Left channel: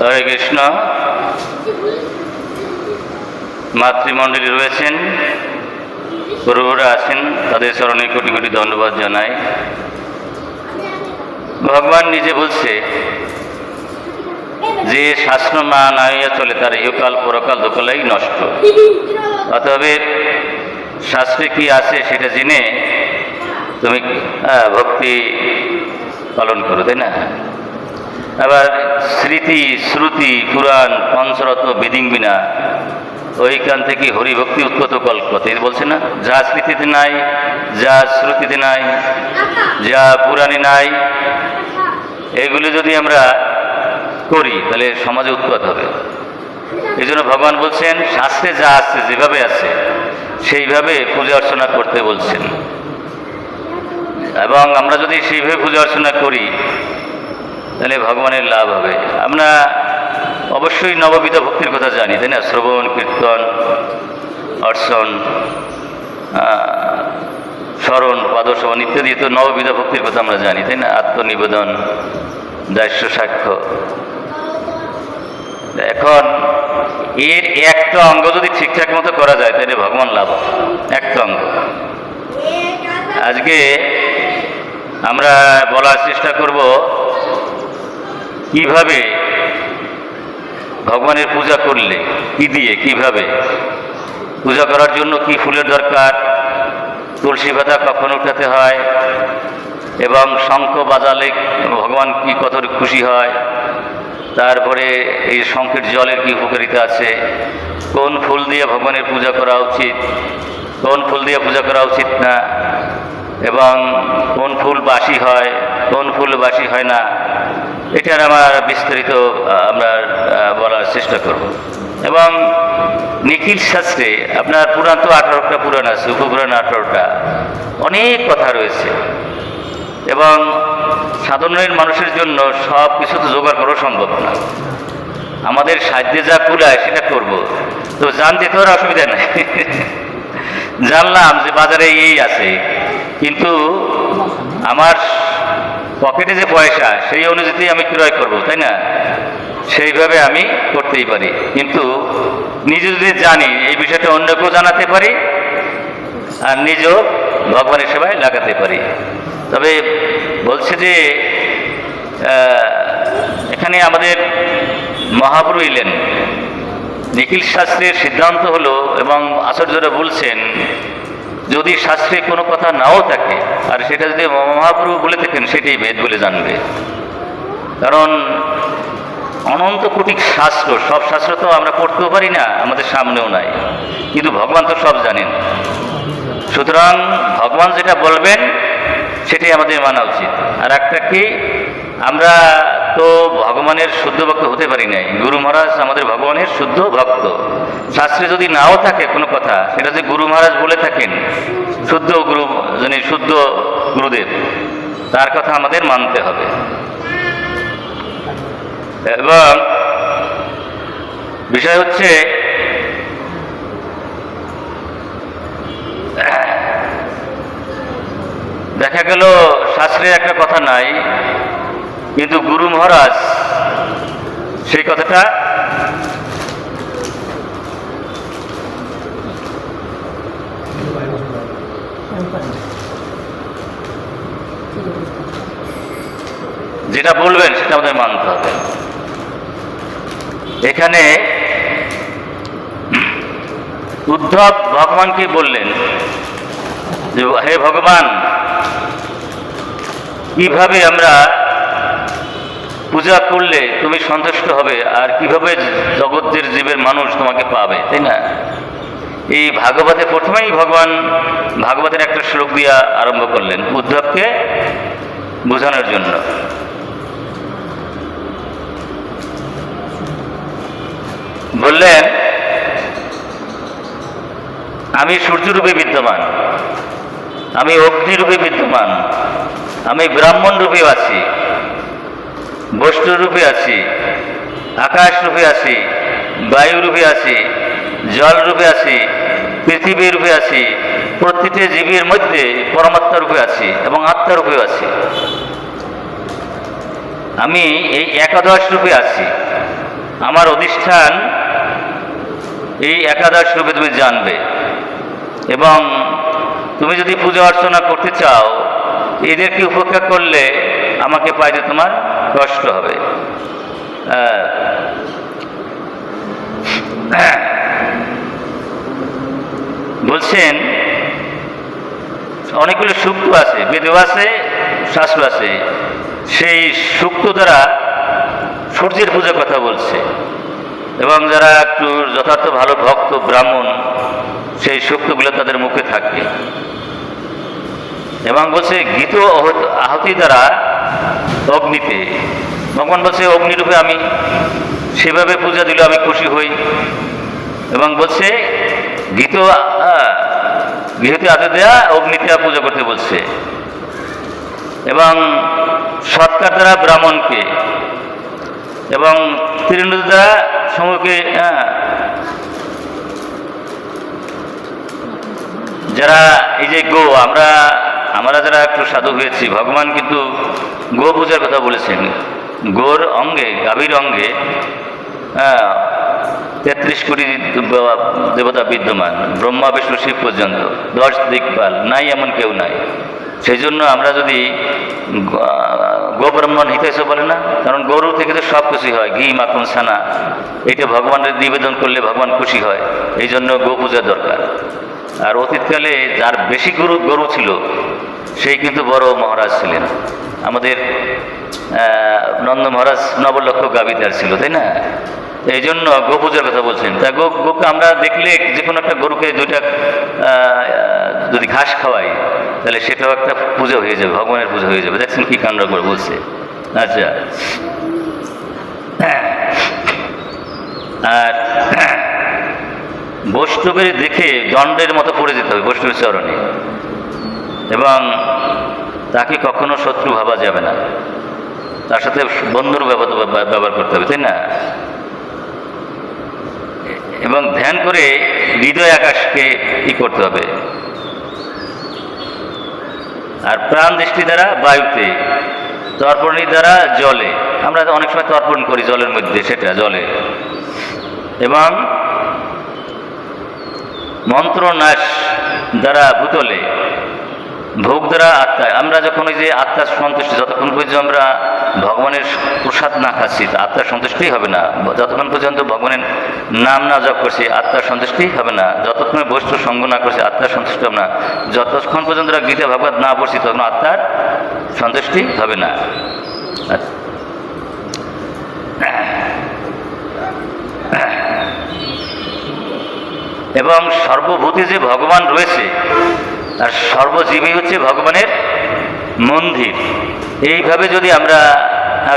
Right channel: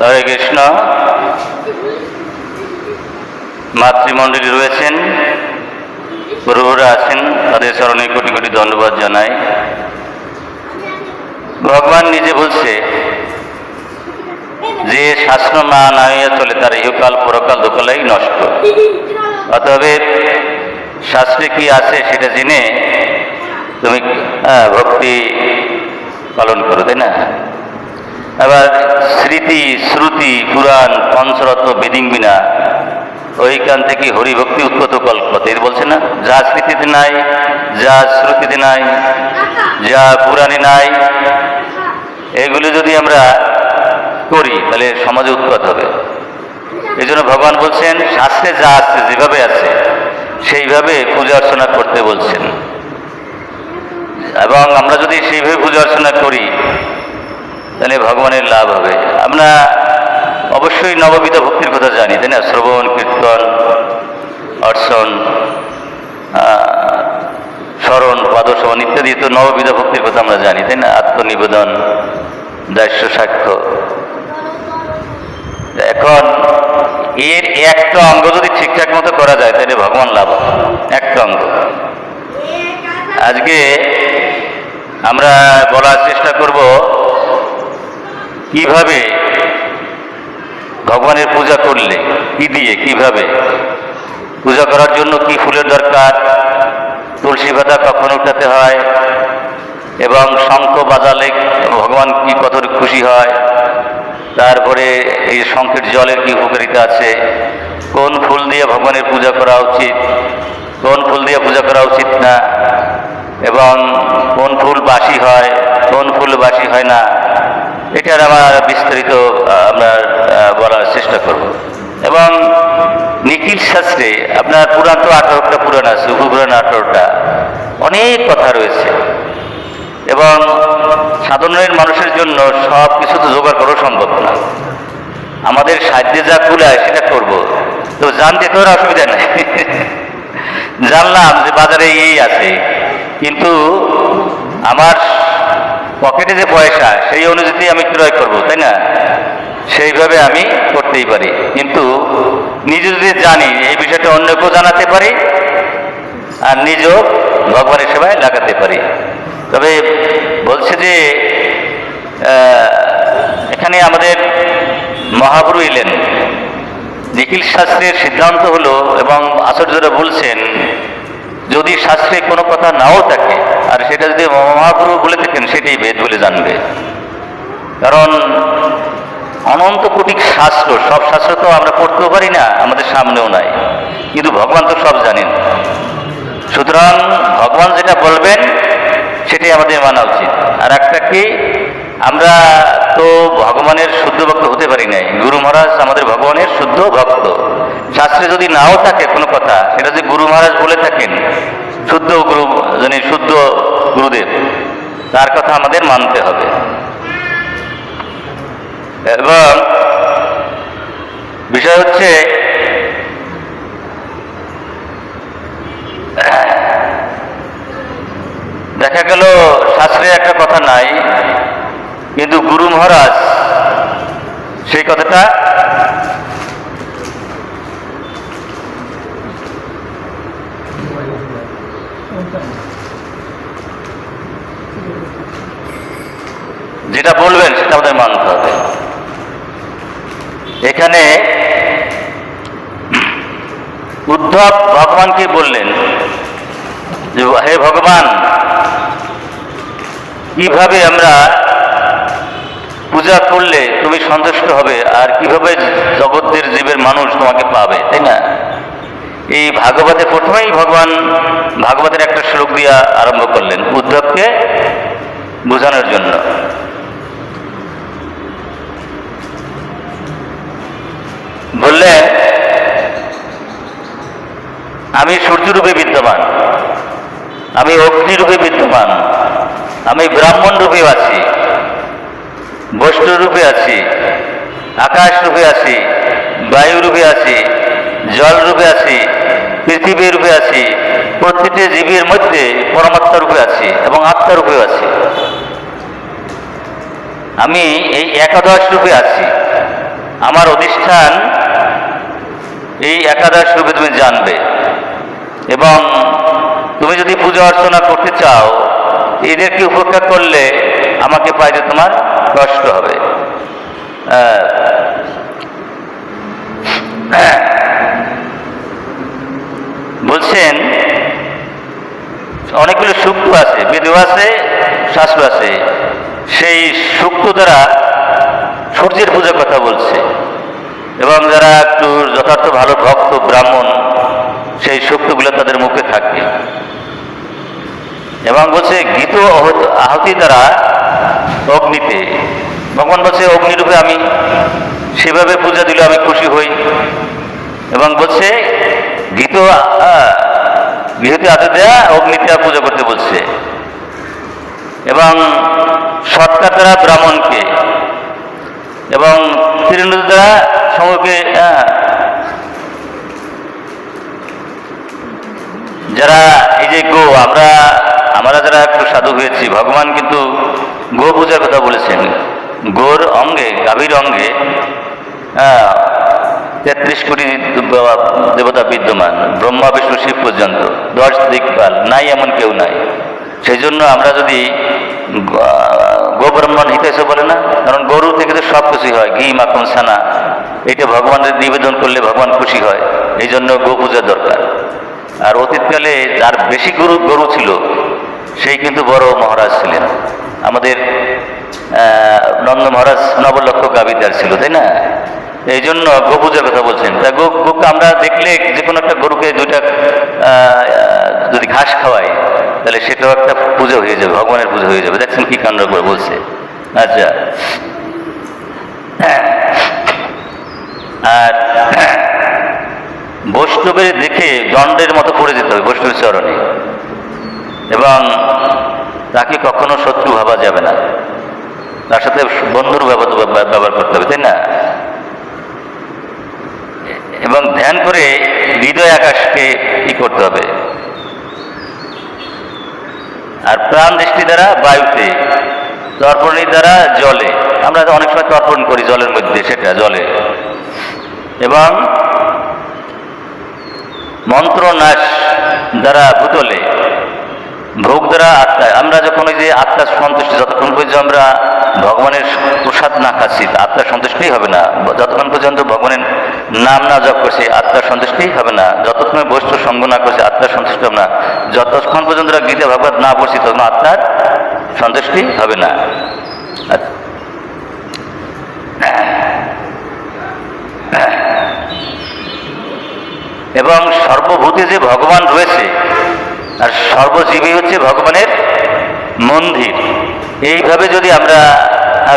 হরে কৃষ্ণ। মাতৃমণ্ডলী রয়েছেন, গুরুরা আছেন, তাদের চরণে কোটি কোটি ধন্যবাদ জানাই। ভগবান নিজে বলছে যে শাস্ত্র না নাইয়া চলে তার ইহকাল পরকাল দুকালেই নষ্ট। অতএব শাস্ত্রে কি আছে সেটা জেনে তুমি ভক্তি পালন করো, তাই না? আবার স্মৃতি শ্রুতি পুরাণ পঞ্চরত্ন বেদিং বিনা ওইখান থেকে হরিভক্তি উৎপত কল্পত এর বলছে না, যা স্মৃতিতে নাই, যা শ্রুতিতে নাই, যা পুরাণে নাই, এগুলো যদি আমরা করি তাহলে সমাজে উৎপাত হবে। এই জন্য ভগবান বলছেন শাস্ত্রে যা আছে যেভাবে আছে সেইভাবে পূজা অর্চনা করতে বলছেন, এবং আমরা যদি সেইভাবে পূজা অর্চনা করি তাহলে ভগবানের লাভ হবে। আমরা অবশ্যই নববিধ ভক্তির কথা জানি, তাই না? শ্রবণ কীর্তন অর্চন স্মরণ পাদসহন ইত্যাদি তো নববিধ ভক্তির কথা আমরা জানি, তাই না? আত্মনিবেদন, দাস্য সাক্ষ্য। এখন এর একটা অঙ্গ যদি ঠিকঠাক মতো করা যায় তাহলে ভগবান লাভ হবে, একটা অঙ্গ। আজকে আমরা বলার চেষ্টা করব কিভাবে ভগবানের পূজা করলে কি দিয়ে, কিভাবে পূজা করার জন্য কি ফুলের দরকার, তুলসী পাতা কখন উঠাতে হয়, এবং শঙ্খ বাজালে ভগবান কি কত খুশি হয়, তারপরে এই শঙ্খের জলের কি উপকারিতা আছে, কোন ফুল দিয়ে ভগবানের পূজা করা উচিত, কোন ফুল দিয়ে পূজা করা উচিত না, এবং কোন ফুল বাসি হয়, কোন ফুল বাসি হয় না, এটার আমার বিস্তারিত আমরা বলার চেষ্টা করব। এবং নিখিল শাস্ত্রে আপনার পুরাণ তো 18টা পুরাণ আছে, উপপুরাণ 18টা, অনেক কথা রয়েছে, এবং সাধারণ মানুষের জন্য সব কিছু তো জোগাড় করা সম্ভব না। আমাদের সাধ্যে যা কুলায় সেটা করব, তো জানতে তো অসুবিধা নেই। জানলাম যে বাজারে এই আছে, কিন্তু আমার পকেটে যে পয়সা সেই অনুযায়ী আমি ক্রয় করব, তাই না? সেইভাবে আমি করতেই পারি, কিন্তু নিজে যদি জানি এই বিষয়টা অন্যকেও জানাতে পারি আর নিজেও ভগবানের সেবায় লাগাতে পারি। তবে বলছে যে এখানে আমাদের মহাপুরু এলেন, নিখিল শাস্ত্রের সিদ্ধান্ত হলো, এবং আচার্যরা বলছেন যদি শাস্ত্রে কোনো কথা নাও থাকে আর সেটা যদি মহাপুরু বলে থাকেন সেটাই বেদ বলে জানবে। কারণ অনন্ত কোটি শাস্ত্র, সব শাস্ত্র তো আমরা পড়তেও পারি না, আমাদের সামনেও নাই, কিন্তু ভগবান তো সব জানেন। সুতরাং ভগবান যেটা বলবেন সেটাই আমাদের মানা উচিত। আর একটা কি, আমরা তো ভগবানের শুদ্ধ ভক্ত হতে পারি নাই, গুরু মহারাজ আমাদের ভগবানের শুদ্ধ ভক্ত। শাস্ত্রে যদি নাও থাকে কোনো কথা, সেটা যদি গুরু মহারাজ বলে থাকেন, শুদ্ধ গুরু যিনি শুদ্ধ গুরুদেব, তার কথা আমাদের মানতে হবে। এবং বিষয় হচ্ছে দেখা গেল শাস্ত্রে একটা কথা নাই, কিন্তু গুরু মহারাজ সেই কথাটা যেটা বলবেন সেটা আমাদের মানতে হবে। এখানে উদ্ধব ভগবানকে বললেন যে হে ভগবান, কিভাবে আমরা পূজা করলে তুমি সন্তুষ্ট হবে, আর কিভাবে জগতের জীবের মানুষ তোমাকে পাবে, তাই না? এই ভাগবতে প্রথমেই ভগবান ভাগবতের একটা শ্লোক দিয়া আরম্ভ করলেন উদ্ধবকে বোঝানোর জন্য। বললেন আমি সূর্যরূপে বিদ্যমান, আমি অগ্নিরূপে বিদ্যমান, আমি ব্রাহ্মণ রূপে আছি, বৈষ্ণব রূপে আছি, আকাশ রূপে আছি, বায়ু রূপে আছি, জল রূপে আছি, পৃথিবী রূপে আছি, প্রত্যেকটি জীবের মধ্যে পরমাত্মা রূপে আছি এবং আত্মা রূপে আছি। আমি এই একাদশ রূপে আছি। আমার অধিষ্ঠান এই একাদশ রূপে তুমি জানবে, এবং তুমি যদি পূজা অর্চনা করতে চাও এদেরকে উপেক্ষা করলে আমাকে পাইতে তোমার কষ্ট হবে। বলছেন অনেকগুলো সূক্ত আছে, বেদও আছে, শাস্ত্র আছে, সেই সূক্ত দ্বারা সূর্যের পূজার কথা বলছে, এবং যারা একটু যথার্থ ভালো ভক্ত ব্রাহ্মণ সেই সূক্তগুলো তাদের মুখে থাকে, এবং বলছে গীত আহুতি দ্বারা অগ্নিতে, ভগবান বলছে অগ্নিরূপে আমি সেভাবে পূজা দিলে আমি খুশি হই, এবং বলছে গৃহতে আতে দেয়া অগ্নিতে পূজা করতে বলছে, এবং সৎকার দ্বারা ব্রাহ্মণকে, এবং তৃণমূল দ্বারা সমূহকে, যারা এই যে আমরা যারা একটু সাধু হয়েছি, ভগবান কিন্তু গো পূজার কথা বলেছেন। গোর অঙ্গে, গাভীর অঙ্গে 33 কোটি দেবতা বিদ্যমান, ব্রহ্মা বিষ্ণু শিব পর্যন্ত, 10 দিকপাল, নাই এমন কেউ নাই। সেই জন্য আমরা যদি গো ব্রাহ্মণ হিতেছে বলে না, কারণ গরু থেকে তো সব খুশি হয়, ঘি মাখন ছানা, এটা ভগবানের নিবেদন করলে ভগবান খুশি হয়, এই জন্য গো পূজা দরকার। আর অতীতকালে যার বেশি গরু ছিল সেই কিন্তু বড় মহারাজ ছিলেন, আমাদের নন্দ মহারাজ 9 লক্ষ গাভীদার ছিল, তাই না? এই জন্য গো পূজার কথা বলছেন। তা গোকে আমরা দেখলে যে কোনো একটা গরুকে 2টা যদি ঘাস খাওয়াই তাহলে সেটাও একটা পূজা হয়ে যাবে, ভগবানের পূজা হয়ে যাবে। দেখছেন কি কাণ্ড করে বলছে। আচ্ছা, আর বৈষ্ণবের দেখে দণ্ডের মতো পড়ে যেতে হবে বৈষ্ণবের চরণে, এবং তাকে কখনো শত্রু ভাবা যাবে না, তার সাথে বন্ধুর ব্যবহার করতে হবে, তাই না? এবং ধ্যান করে হৃদয় আকাশকে করতে হবে, আর প্রাণ দৃষ্টি দ্বারা বায়ুতে, তর্পণের দ্বারা জলে, আমরা অনেক সময় তর্পণ করি জলের মধ্যে, সেটা জলে, এবং মন্ত্র নাশ দ্বারা ভূতলে, ভোগ দ্বারা আত্মায়। আমরা যখন ওই যে আত্মার সন্তুষ্টি, যতক্ষণ পর্যন্ত আমরা ভগবানের প্রসাদ না খাচ্ছি আত্মার সন্তুষ্টি হবে না, যতক্ষণ পর্যন্ত ভগবানের নাম না জপ করছি আত্মার সন্তুষ্টি হবে না, যতক্ষণ বস্তু সঙ্গ না করছি আত্মার সন্তুষ্টি হবে না, যতক্ষণ পর্যন্ত গীতা ভাগবত না পড়ছি তখন আত্মার সন্তুষ্টি হবে না। এবং সর্বভূতে যে ভগবান রয়েছে আর সর্বজীবী হচ্ছে ভগবানের মন্দির, এইভাবে যদি আমরা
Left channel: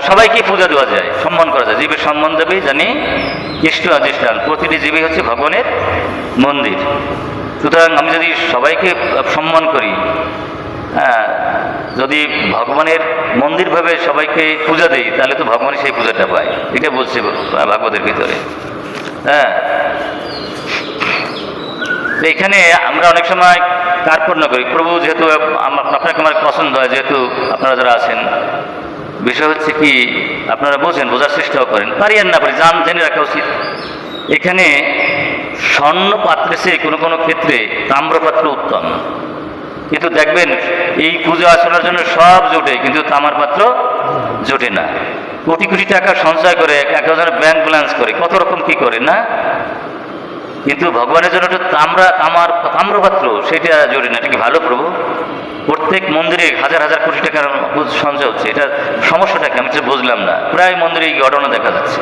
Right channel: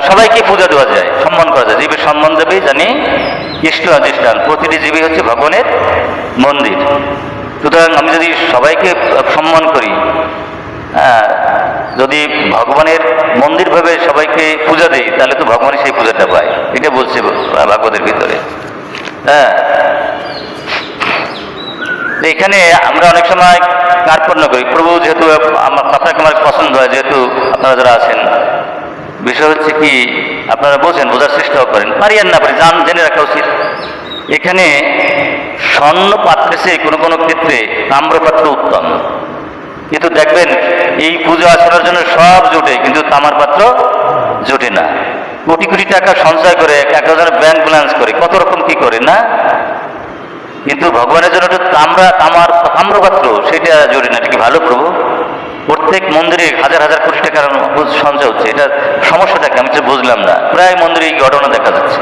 সবাইকে পূজা দেওয়া যায়, সম্মান করা যায়, জীবের সম্মান দেবে জানি কৃষ্ণ অধিষ্ঠান, প্রতিটি জীবী হচ্ছে ভগবানের মন্দির। সুতরাং আমি যদি সবাইকে সম্মান করি, যদি ভগবানের মন্দির ভাবে সবাইকে পূজা দেই তাহলে তো ভগবানের সেই পূজাটা পায়, এটা বলছে ভাগবতের ভিতরে। এখানে আমরা অনেক সময় কার্পণ্য করি, প্রভু যেহেতু আপনাকে আমার পছন্দ হয়, যেহেতু আপনারা যারা আছেন, বিষয় হচ্ছে কি আপনারা বোঝেন, বোঝার চেষ্টাও করেন, পারি আর না পারি জেনে রাখা উচিত। এখানে স্বর্ণ পাত্রে চেয়ে কোনো কোনো ক্ষেত্রে তাম্রপাত্র উত্তম, কিন্তু দেখবেন এই পুজো আচরণের জন্য সব জোটে, কিন্তু তামার পাত্র জোটে না। কোটি কোটি টাকা সঞ্চয় করে, 1000 ব্যাংক ব্যালেন্স করে, কত রকম কি করে না, কিন্তু ভগবানের জন্য একটু তাম্রপাত্র সেটা জোরে না। এটা কি ভালো প্রভু? প্রত্যেক মন্দিরে হাজার হাজার কোটি টাকার সঞ্চয় হচ্ছে, এটা সমস্যাটাকে আমি বুঝলাম না। প্রায় মন্দিরে এই ঘটনা দেখা যাচ্ছে।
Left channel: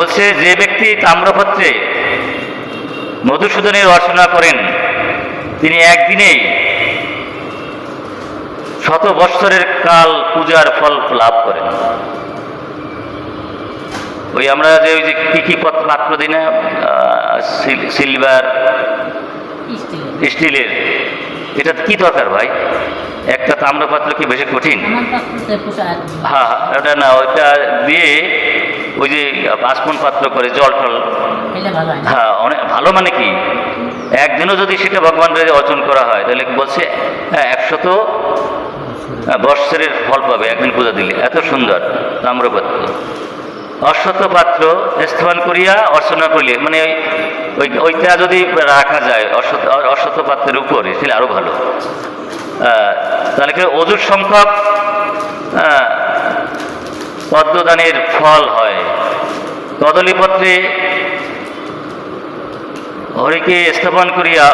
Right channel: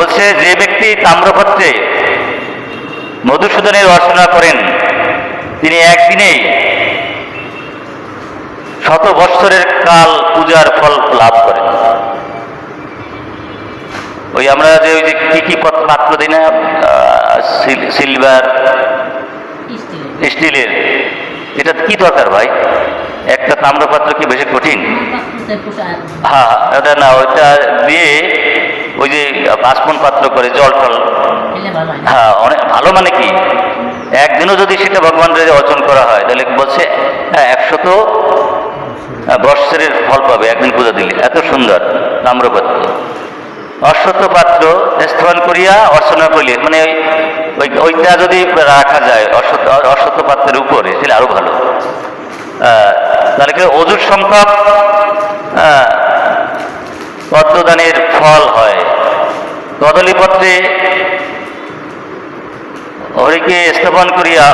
বলছে যে ব্যক্তি তাম্রপাত্রে মধুসূদনের অর্চনা করেন তিনি একদিনেই 100 বৎসরের কাল পূজার ফল লাভ করেন। ওই আমরা যে ওই যে কি পাত্র দিই না, সিলভার, স্টিলের, এটা কি দরকার ভাই? একটা তাম্রপাত্র কি বেশি কঠিন? হ্যাঁ, ওটা না, ওইটা দিয়ে ওই যে বাষ্পন পাত্র করে জল ফল, হ্যাঁ অনেক ভালো। মানে কি একদিনও যদি সেটা ভগবানের অর্জন করা হয় তাহলে বলছে 100 বৎসরের ফল পাবে একদিন পূজা দিলে। এত সুন্দর তাম্রপাত্র। অশ্বত্থ পাত্র স্থাপন করিয়া অর্চনা করিলেন, মানে ওইটা যদি রাখা যায় অশ্বত্থ পাত্রের উপরে তাহলে আরো ভালো। তাহলে কি অজুর সংখ্যক পদ্মদানের ফল হয়। কদলীপত্রে হরিকে স্থাপন করিয়া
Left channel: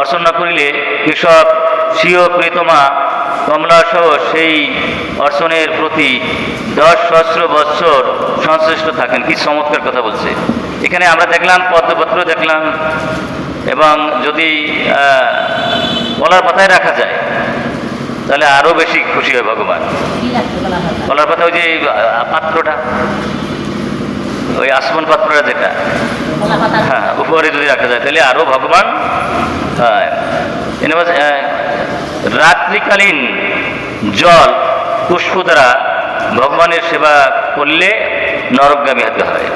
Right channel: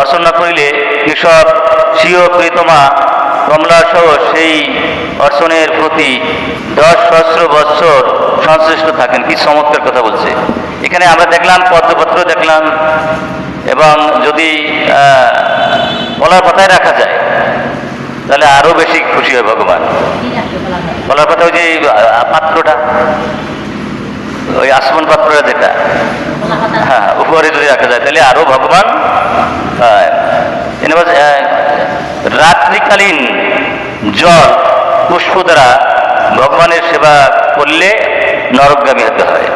অর্চনা করিলে কৃষক স্বীয় প্রিয়তমা কমলা সহ সেই অর্চনের প্রতি 10 সহস্র বৎসর সংশ্লিষ্ট থাকেন। কি চমৎকার কথা বলছে এখানে। আমরা দেখলাম পদ্মপত্র দেখলাম, এবং যদি কলার পাতায় রাখা যায় তাহলে আরো বেশি খুশি হয় ভগবান। কলার পাতা ওই যে পাত্রটা, ওই আসমান পাত্রটা যেটা, হ্যাঁ, উপরে যদি রাখা যায় তাহলে আরো ভগবান। রাত্রিকালীন জল পুষ্প দ্বারা ভগবানের সেবা করলে নরকগামী হতে হয়।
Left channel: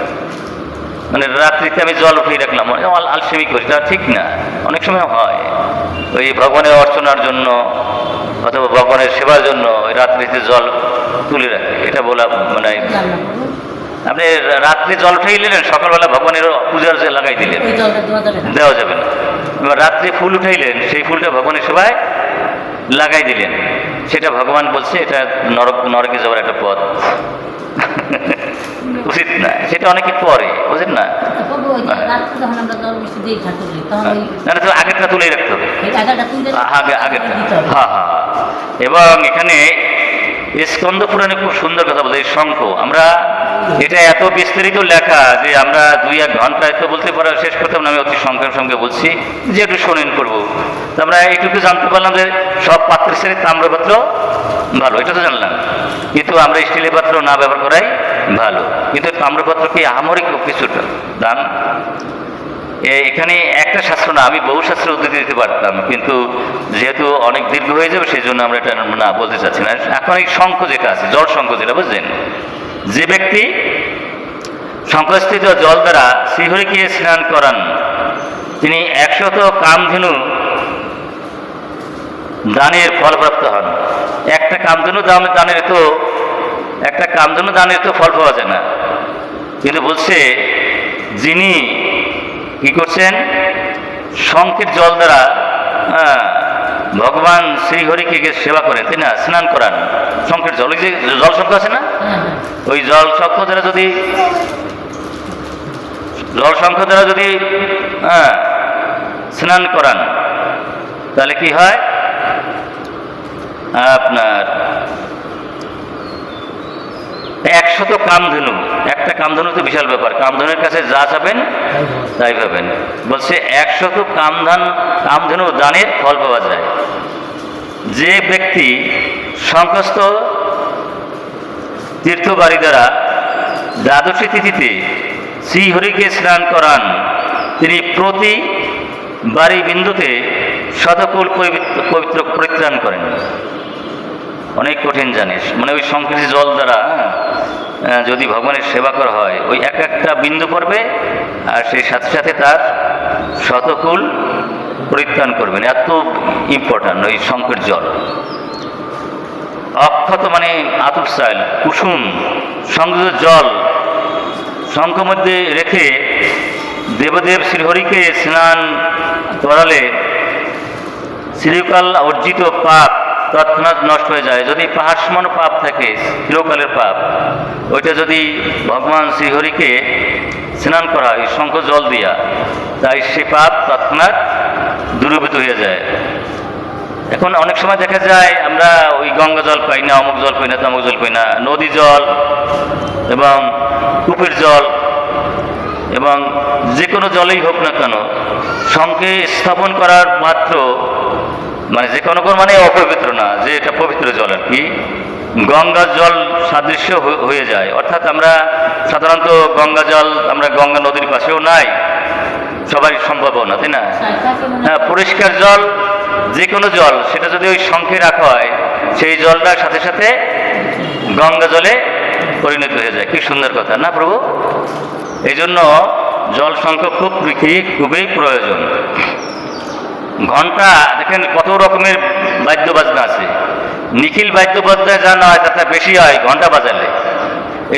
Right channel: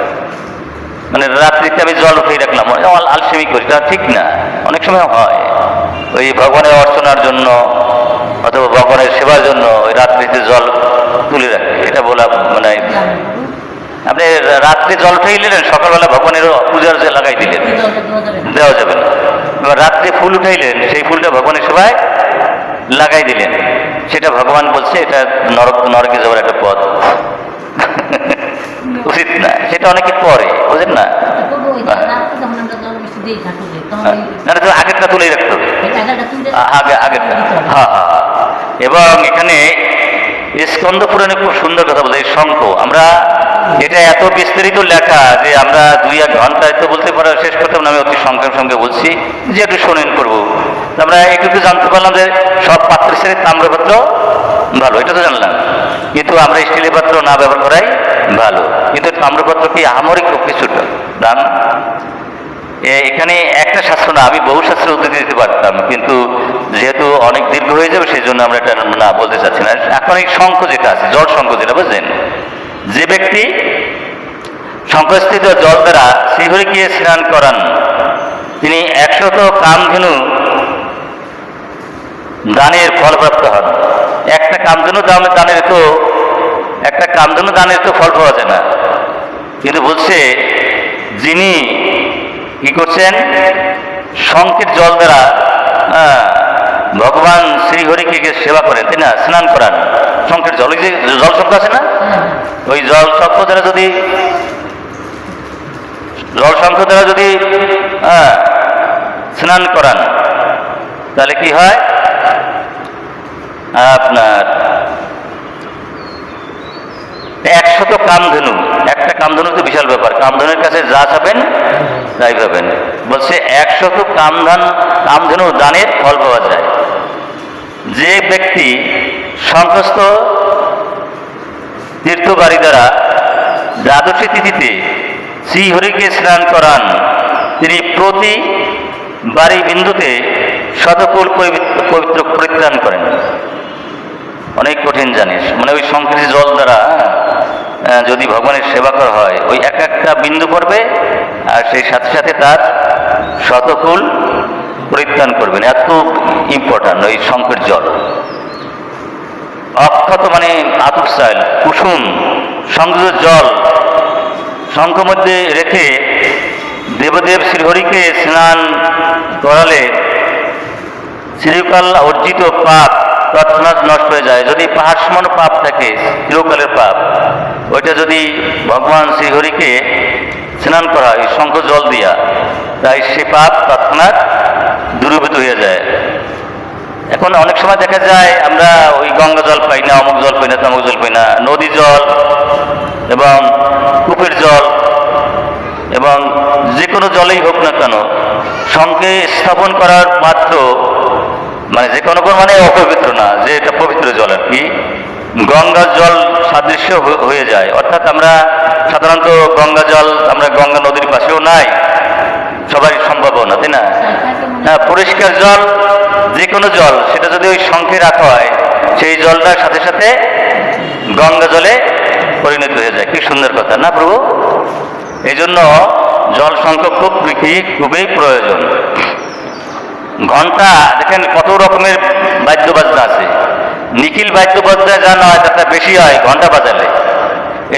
মানে রাত্রিতে আমি জল উঠেই রাখলাম, আলসেমি করি, তা ঠিক না। অনেক সময় হয় ওই ভগবানের অর্চনার জন্য অথবা ভগবানের সেবার জন্য ওই রাত্রিতে জল তুলে রাখে, এটা বলা মানে আপনি রাত্রে জল উঠেই নিলেন, সকালবেলা ভগবানের পূজার যে লাগাই দিলেন, দেওয়া যাবে না। এবার রাত্রে ফুল উঠাইলেন, সেই ফুলটা ভগবানের সেবায় লাগাই দিলেন, সেটা ভগবান বলছে এটা নরকে যাওয়ার একটা পথ, উচিত না। সেটা অনেকে করে, বুঝলেন না। আগেরটা তুলেই রাখতে হবে, আগেরটা। হ্যাঁ হ্যাঁ। এবং এখানে স্কন্দ পুরাণে খুব সুন্দর কথা বলে, শঙ্খ। আমরা এটা এত বিস্তারিত লেখা যে আমরা 2-1 ঘন্টায় তো বলতে পারা শেষ করতাম না। আমি অতি সংক্ষেপ সঙ্গে বলছি যে একটু শোনেন করবো। আমরা একটু জানতে পারলাম যে সব পাত্রের সাথে তাম্রপাত্র ভালো, এটা তো জানলাম, কিন্তু আমরা স্টিলের পাত্র না ব্যবহার করাই ভালো। কিন্তু তাম্রপাত্র কি আহামরিক কিছুটা দাম। এখানে একটা শাস্ত্র না, আমি বহু শাস্ত্রের উদ্ধৃতি দিতে পারতাম, কিন্তু যেহেতু অনেক দীর্ঘ হয়ে যাবে সেই জন্য আমরা এটা না বলতে চাচ্ছি না। এখন এই শঙ্খ যেটা আছে, জল শঙ্খ যেটা, বুঝলেন, যে ব্যক্তি শঙ্খস্থিত জল দ্বারা শ্রীহরিকে স্নান করান তিনি 100 কামধেনু দানের ফলপ্রাপ্ত হন। একটা কামধেনু দানের তো ফল পাওয়া যায় না, কিন্তু বলছে যিনি কি করছেন, শঙ্খের জল দ্বারা ভগবান শ্রীহরিকে সেবা করেন, তাই না, স্নান করান। শঙ্খের জল, ওই যে জল শঙ্খ আছে না, ওই জল শঙ্খ দ্বারা যদি স্নান করান তাহলে কি হয়, আপনার 100 কামধেনু। একটা কামধেনু তো বিশাল ব্যাপার, কামধেনুর কাছে যা চাবেন তাই পাবেন। বলছে 100 কামধেনু দানের ফল পাওয়া যায়। যে ব্যক্তি শঙ্খস্থ তীর্থবাড়ি দ্বারা দ্বাদশী তিথিতে শ্রীহরিকে স্নান করান তিনি প্রতি বাড়ি বিন্দুতে শতকুল পবিত্র পরিত্রাণ করেন। অনেক কঠিন জানিস, মানে ওই শঙ্খের জল দ্বারা যদি ভগবানের সেবা করা হয়, ওই একটা বিন্দু পড়বে আর সেই সাথে সাথে তার শতকুল পরিত্রাণ করবেন। এত ইম্পর্ট্যান্ট ওই শঙ্খের জল। অক্ষত মানে আতুসাইল, কুসুম সংযুক্ত জল শঙ্খ মধ্যে রেখে দেবদেব শ্রীহরিকে স্নান করালে চিরকাল অর্জিত পাপ তৎক্ষণাৎ নষ্ট হয়ে যায়। যদি পাহাড় সমান পাপ থাকে, চিরকালের পাপ, ওইটা যদি ভগবান শ্রীহরিকে স্নান করা হয় শঙ্খ জল দিয়া, তাই সে পাপ তৎক্ষণাৎ দূরীভূত হয়ে যায়। এখন অনেক সময় দেখা যায় আমরা ওই গঙ্গা জল পাই না, অমুক জল পাই না, তমুক জল পাই না, নদী জল এবং কূপের জল এবং যে কোনো জলেই হোক না কেন, শঙ্খে স্থাপন করার মাত্র মানে যে কোনো মানে অপবিত্র না, যে এটা পবিত্র জল আর কি, গঙ্গার জল সাদৃশ্য হয়ে যায়। অর্থাৎ আমরা সাধারণত গঙ্গা জল, আমরা গঙ্গা নদীর পাশেও নাই, সবারই সম্ভব না, তাই না। হ্যাঁ, পরিষ্কার জল, যে কোনো জল, সেটা যদি ওই শঙ্খে রাখা হয় সেই জলটার সাথে সাথে গঙ্গা জলে পরিণত হয়ে যায়। কি সুন্দর কথা না প্রভু। এই জন্য জল শঙ্খ খুবই প্রয়োজন। ঘন্টা দেখেন কত রকমের বাদ্য বাজনা আছে, নিখিল বাদ্য বাজনা যা নয় তাটা বেশি হয় ঘন্টা বাজালে।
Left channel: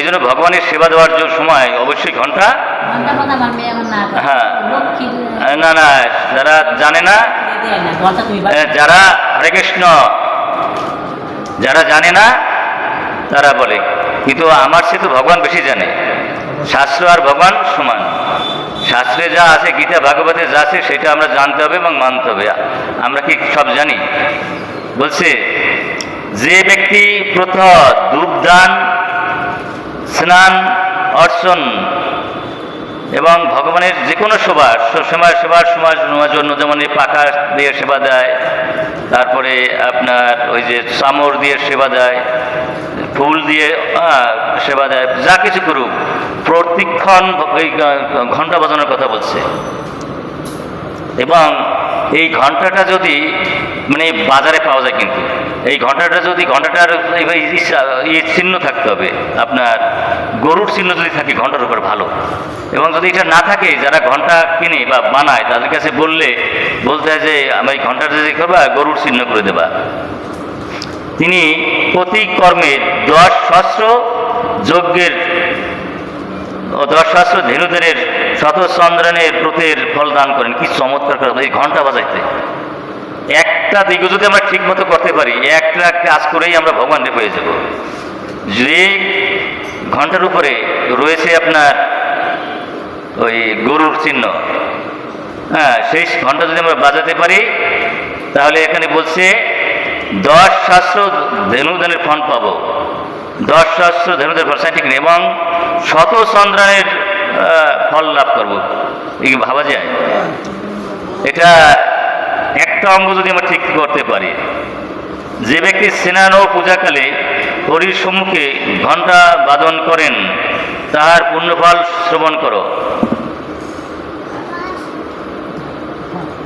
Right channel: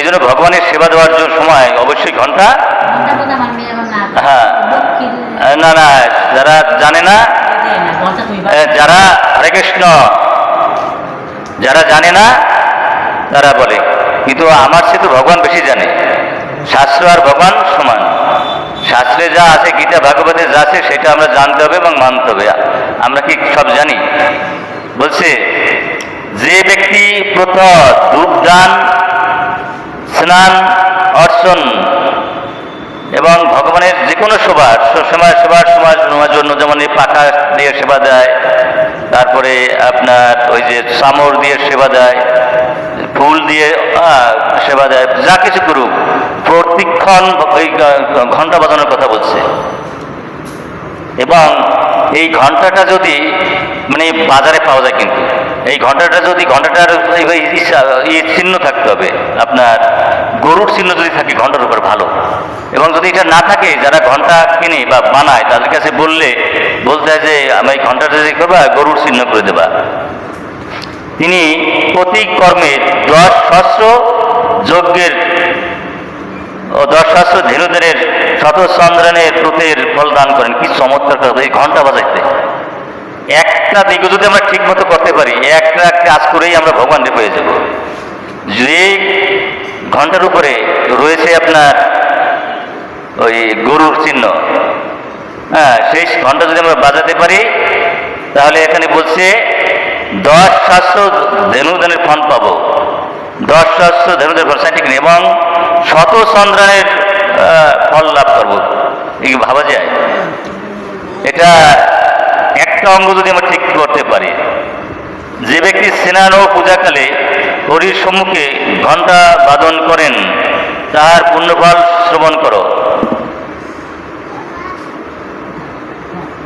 এই জন্য ভগবানের সেবা দেওয়ার জন্য সময় অবশ্যই ঘন্টা, ঘন্টার কথা আমার মেয়ে আমার না হ্যাঁ, লক্ষ্মী না না, যারা জানে না, দেয় না ঘন্টা তুমি যারা হরে কৃষ্ণ, যারা জানে না তারা বলে, কিন্তু আমার সে তো ভগবান বেশি জানে। শাস্ত্র আর ভগবান সমান। শাস্ত্রে যা আছে, গীতা ভাগবতে যা আছে, সেটা আমরা জানতে হবে এবং মানতে হবে। আমরা কি সব জানি? বলছে যে ব্যক্তি প্রথম ধূপদান, স্নান, অর্চন এবং ভগবানের যে কোনো সবার জন্য, যেমন এই পাখা দিয়ে সেবা দেয়, তারপরে আপনার ওই যে চামর দিয়ে সেবা দেয়, ফুল দিয়ে সেবা দেয়, যা কিছু করুক, প্রতিক্ষণ ওই ঘন্টা বাজানোর কথা বলছে। এবং এই ঘন্টাটা যদি মানে বাজারে পাওয়া যায়, কিন্তু এই ঘন্টাটা যদি, ঘন্টাটার চিহ্ন থাকতে হবে, আপনার গরুর চিহ্ন যদি থাকে ঘন্টার উপর ভালো। এবং যদি এটা না থাকে, যারা ঘন্টা কিনে বা বানায় তাদের কাছে বলতে হয় যে আমি এই ঘন্টাটা যদি করবা, গরুর চিহ্ন করে দেবা। তিনি প্রতি কর্মের 10 সহস্র যজ্ঞের ও 10 সহস্র ধেনুদের শত চন্দ্রানের ব্রতের ফল দান করেন। কি চমৎকার কথা! এই ঘন্টা বাজাইতে একটা দিকে যদি আমরা ঠিক মতো করতে পারি, একটা কাজ করেই আমরা ভগবানকে পেয়ে যাব। যে ঘন্টার উপরে রয়েছে আপনার ওই গরুর চিহ্ন, হ্যাঁ, সেই ঘন্টা যদি আমরা বাজাতে পারি, তাহলে এখানে বলছে 10 সহস্র ধেনুদানের ফল পাবো, 10 সহস্র ধেনুদের ফল সাইন্টিফিক, এবং শত চন্দ্রানের ফল লাভ করবো। এই ভাবা যায়? এটা একটা অঙ্গ যদি আমরা ঠিক করতে পারি। যে ব্যক্তি স্নান ও পূজাকালে হরির সম্মুখে ঘণ্টা বাদন করেন, তাহার পুণ্যফল শ্রবণ করো।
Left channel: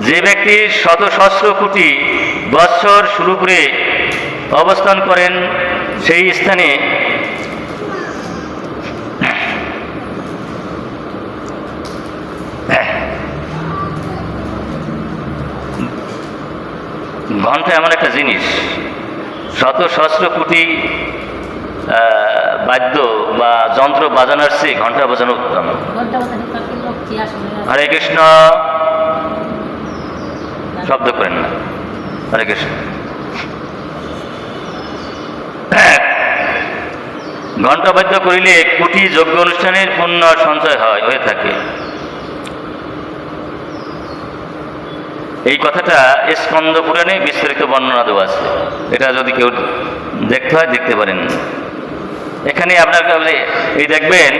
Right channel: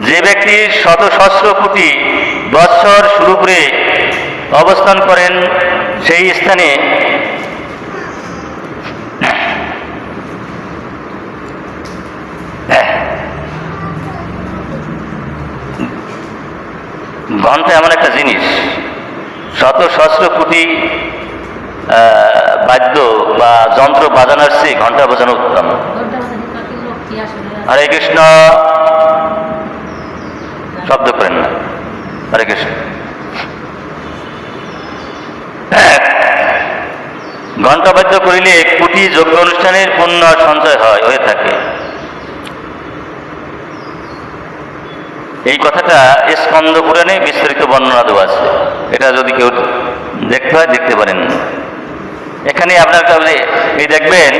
যে ব্যক্তি শত সহস্র কোটি বৎসর শুরু করে অবস্থান করেন, সেই স্থানে ঘন্টা এমন একটা জিনিস, শত সহস্র কোটি বাদ্য বা যন্ত্র বাজানোর চেয়ে ঘন্টা বাজানো উত্তম। হরে কৃষ্ণ, শব্দ করেন না, হরে কৃষ্ণ। ঘন্টা বাদ্য করিলে কোটি যজ্ঞ অনুষ্ঠানের পুণ্য সঞ্চয় হয়ে থাকে। এই কথাটা স্কন্দ পুরাণে বিস্তারিত বর্ণনা দেওয়া আছে। এটা যদি কেউ দেখতে হয় দেখতে পারেন। এখানে আপনার কাছে এই দেখবেন,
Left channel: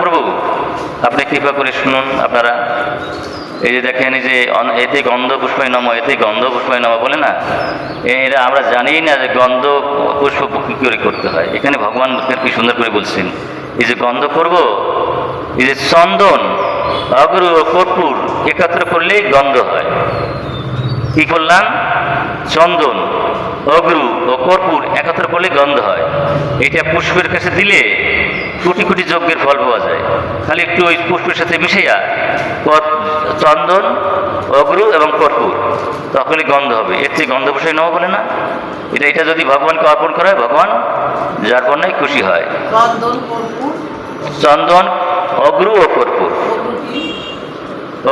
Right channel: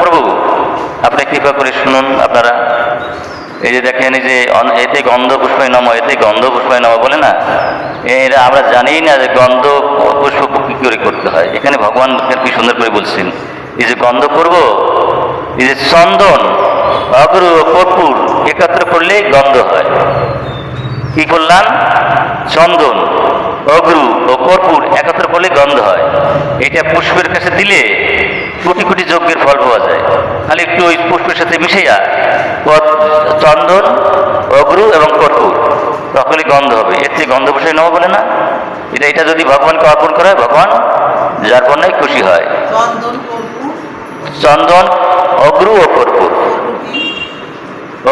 প্রভু আপনি কৃপা করে শুনুন। আপনারা এই যে দেখেন, এই যে এতে গন্ধ পুষ্পায় নম, এতে গন্ধ পুষ্পায় নম বলে না, এরা আমরা জানি না যে গন্ধ পুষ্প কী করে করতে হয়। এখানে ভগবান কি সুন্দর করে বলছেন, এই যে গন্ধ করব, এই যে চন্দন, অগরু ও কর্পূর একত্র করলে গন্ধ হয়। কি করলাম? চন্দন, অগরু ও কর্পূর একত্র করলে গন্ধ হয়। এটা পুষ্পের কাছে দিলে কোটি কোটি যজ্ঞের ফল পাওয়া যায়। খালি একটু ওই পুষ্পের সাথে মিশিয়া চন্দন, অগরু এবং কর্পূর, তখনই গন্ধ হবে। এর থেকে গন্ধ বসাই নেওয়া বলে না, এটা যদি ভগবানকে অর্পণ করা হয়, ভগবান যার পণ্যই খুশি হয়। চন্দন, অগরু ও কর্পূর।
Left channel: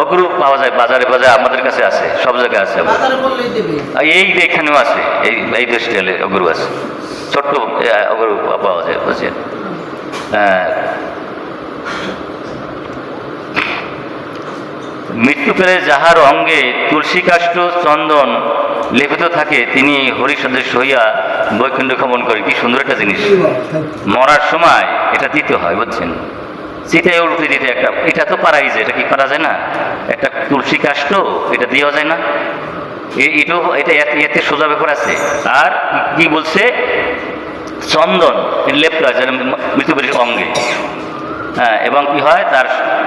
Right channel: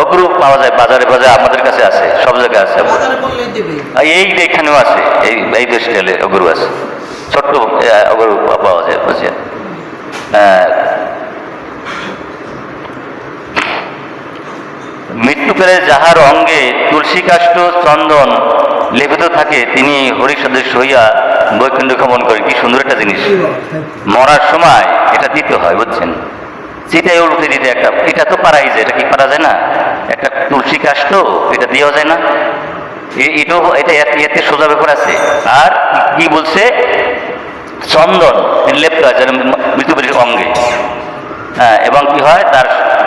অগরু পাওয়া যায় বাজারে, আমাদের কাছে আছে, সব জায়গায় আছে। এই এখানেও আছে, এই দেশে অগরু আছে, ছোট্ট অগরু পাওয়া যায়, বুঝছেন? মৃত্যুকালে যাহার অঙ্গে তুলসী কাষ্ঠ চন্দন লেপিত থাকে, তিনি হরিসদৃশ্য হইয়া বৈকুণ্ঠ গমন করে। কি সুন্দর একটা জিনিস! মরার সময় এটা দিতে হয়, বুঝছেন? চিতায় উঠে দিতে একটা, এটা তো পারাই যায়। এটা কি পারা যায় না? একটা তুলসী কাষ্ঠ, এটা দেওয়া যায় না? এটা এতে সোজা ব্যাপার আছে। আর কি বলছে? চন্দন লেপটা যেন মৃত্যুপরীর অঙ্গে, হ্যাঁ, এবং কি হয়, তার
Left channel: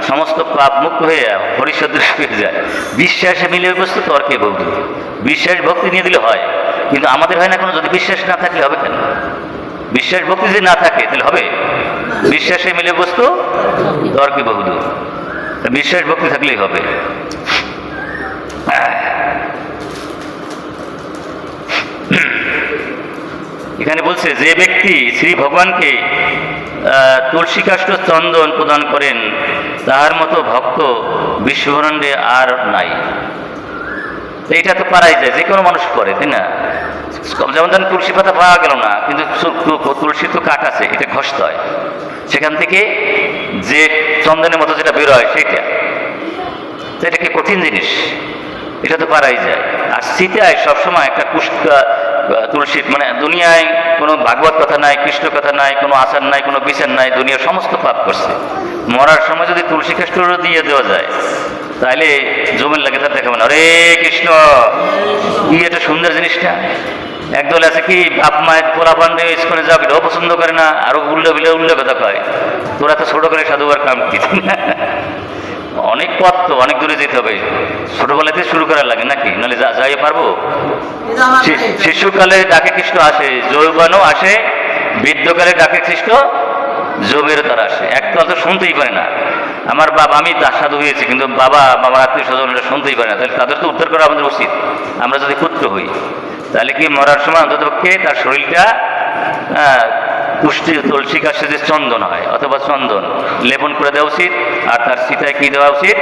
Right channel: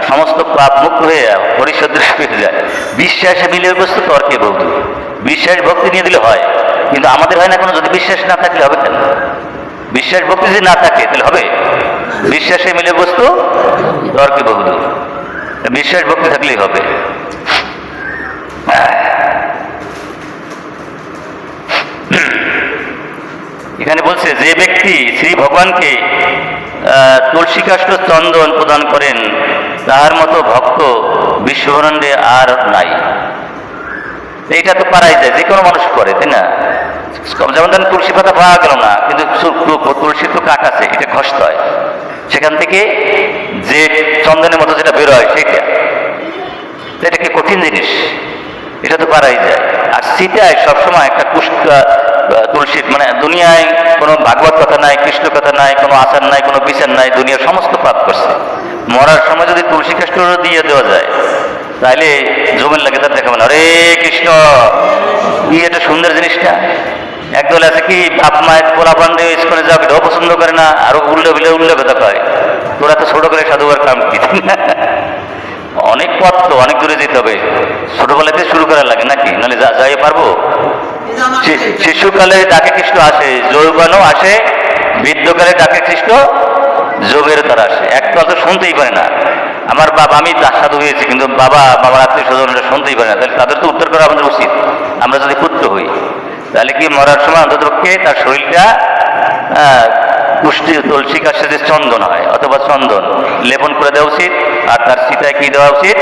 সমস্ত পাপ মুক্ত হয়ে হরিসদৃশ হয়ে যায়। বিশ্বাসে মিলে বস্তু তর্কে বৌদ্ধ। বিশ্বাস ভক্তি নিয়ে দিলে হয়, কিন্তু আমাদের হয় না কেন? যদি বিশ্বাস না থাকলে হবে কেন? বিশ্বাস ভক্তি যদি না থাকে তাহলে হবে? বিশ্বাসে মিলে বস্তু তর্কে বহু। বিশ্বাস ভক্তি থাকলেই হবে। এখানে বলছে যে ব্যক্তি শ্রী ভগবানকে তুলসী কাষ্ঠ চন্দন প্রদান করেন, তার মতো ভক্ত বিশ্বব্রহ্মাণ্ডে আর নাই। এইটা তো পারাই যায়, যে কোনো মানুষ করে, তাই না? যেমন ধরেন তুলসী পাতা পাওয়া গেল না, কিন্তু তুলসী তো কাঠ আছে, এটা ঘষতে হয়, সেখান থেকে যে চন্দনের মতো যেটা বের হয় সেইটা, তো এটা কি কঠিন জিনিস? এটা তো পারাই যায়। আর সীতায় সবসময় একটা তুলসী, মানে দুনিয়ায় কোনো ভাগবত কথা নাই, কৃষ্ণ কথা নাই, কোনো আচার নাই, কোনো বিচার নাই, দুনিয়ার সমস্ত পাপ করছে। মরার সময় যদি তুলসী কাষ্ঠ দিয়ে দেওয়া যায়, তাহলে জমির লাগে তার দেখাবে না, হরে কৃষ্ণ, কি এটা সুন্দর জিনিসটা। একদল আছে কি বাপ মায়ের পোলা পান্ডে স্কুলে যাবে, এটাও পছন্দ করে না, আরো উল্লে কথা কয়, তোরা তো ছোট করে সাধুবার কাম কি। অনেক পথ তো, অনেক দূরে যেতে হবে, ছোটবেলাতে শুরু করা লাগে নাকি, নাহলে যাই পারবো? শিশুকালে ডাকে কৃষ্ণ আসে, যৌবনও আসে, বৃদ্ধকালে ডাকে কৃষ্ণ যোগের দ্বারা আসে। একটা তো শুনতেই পারে না। আমার বাবা, আমি সাধু হয়েছি, কিন্তু বাবার আত্মীয় স্বজনরা শুনতেই পারে না, তাহলে তাদের তো উদ্ধার করা আমাদের উচিত। আমরা যদি পুত্র হই, তাহলে কি মরার সময় অন্ততপক্ষে তার শরীরটা পুষ্টি তুলসী কাছে যে চন্দন হয় অথবা চন্দন লেপন করে দেওয়া উচিত। আর তার সীতায় কি দেওয়া উচিত?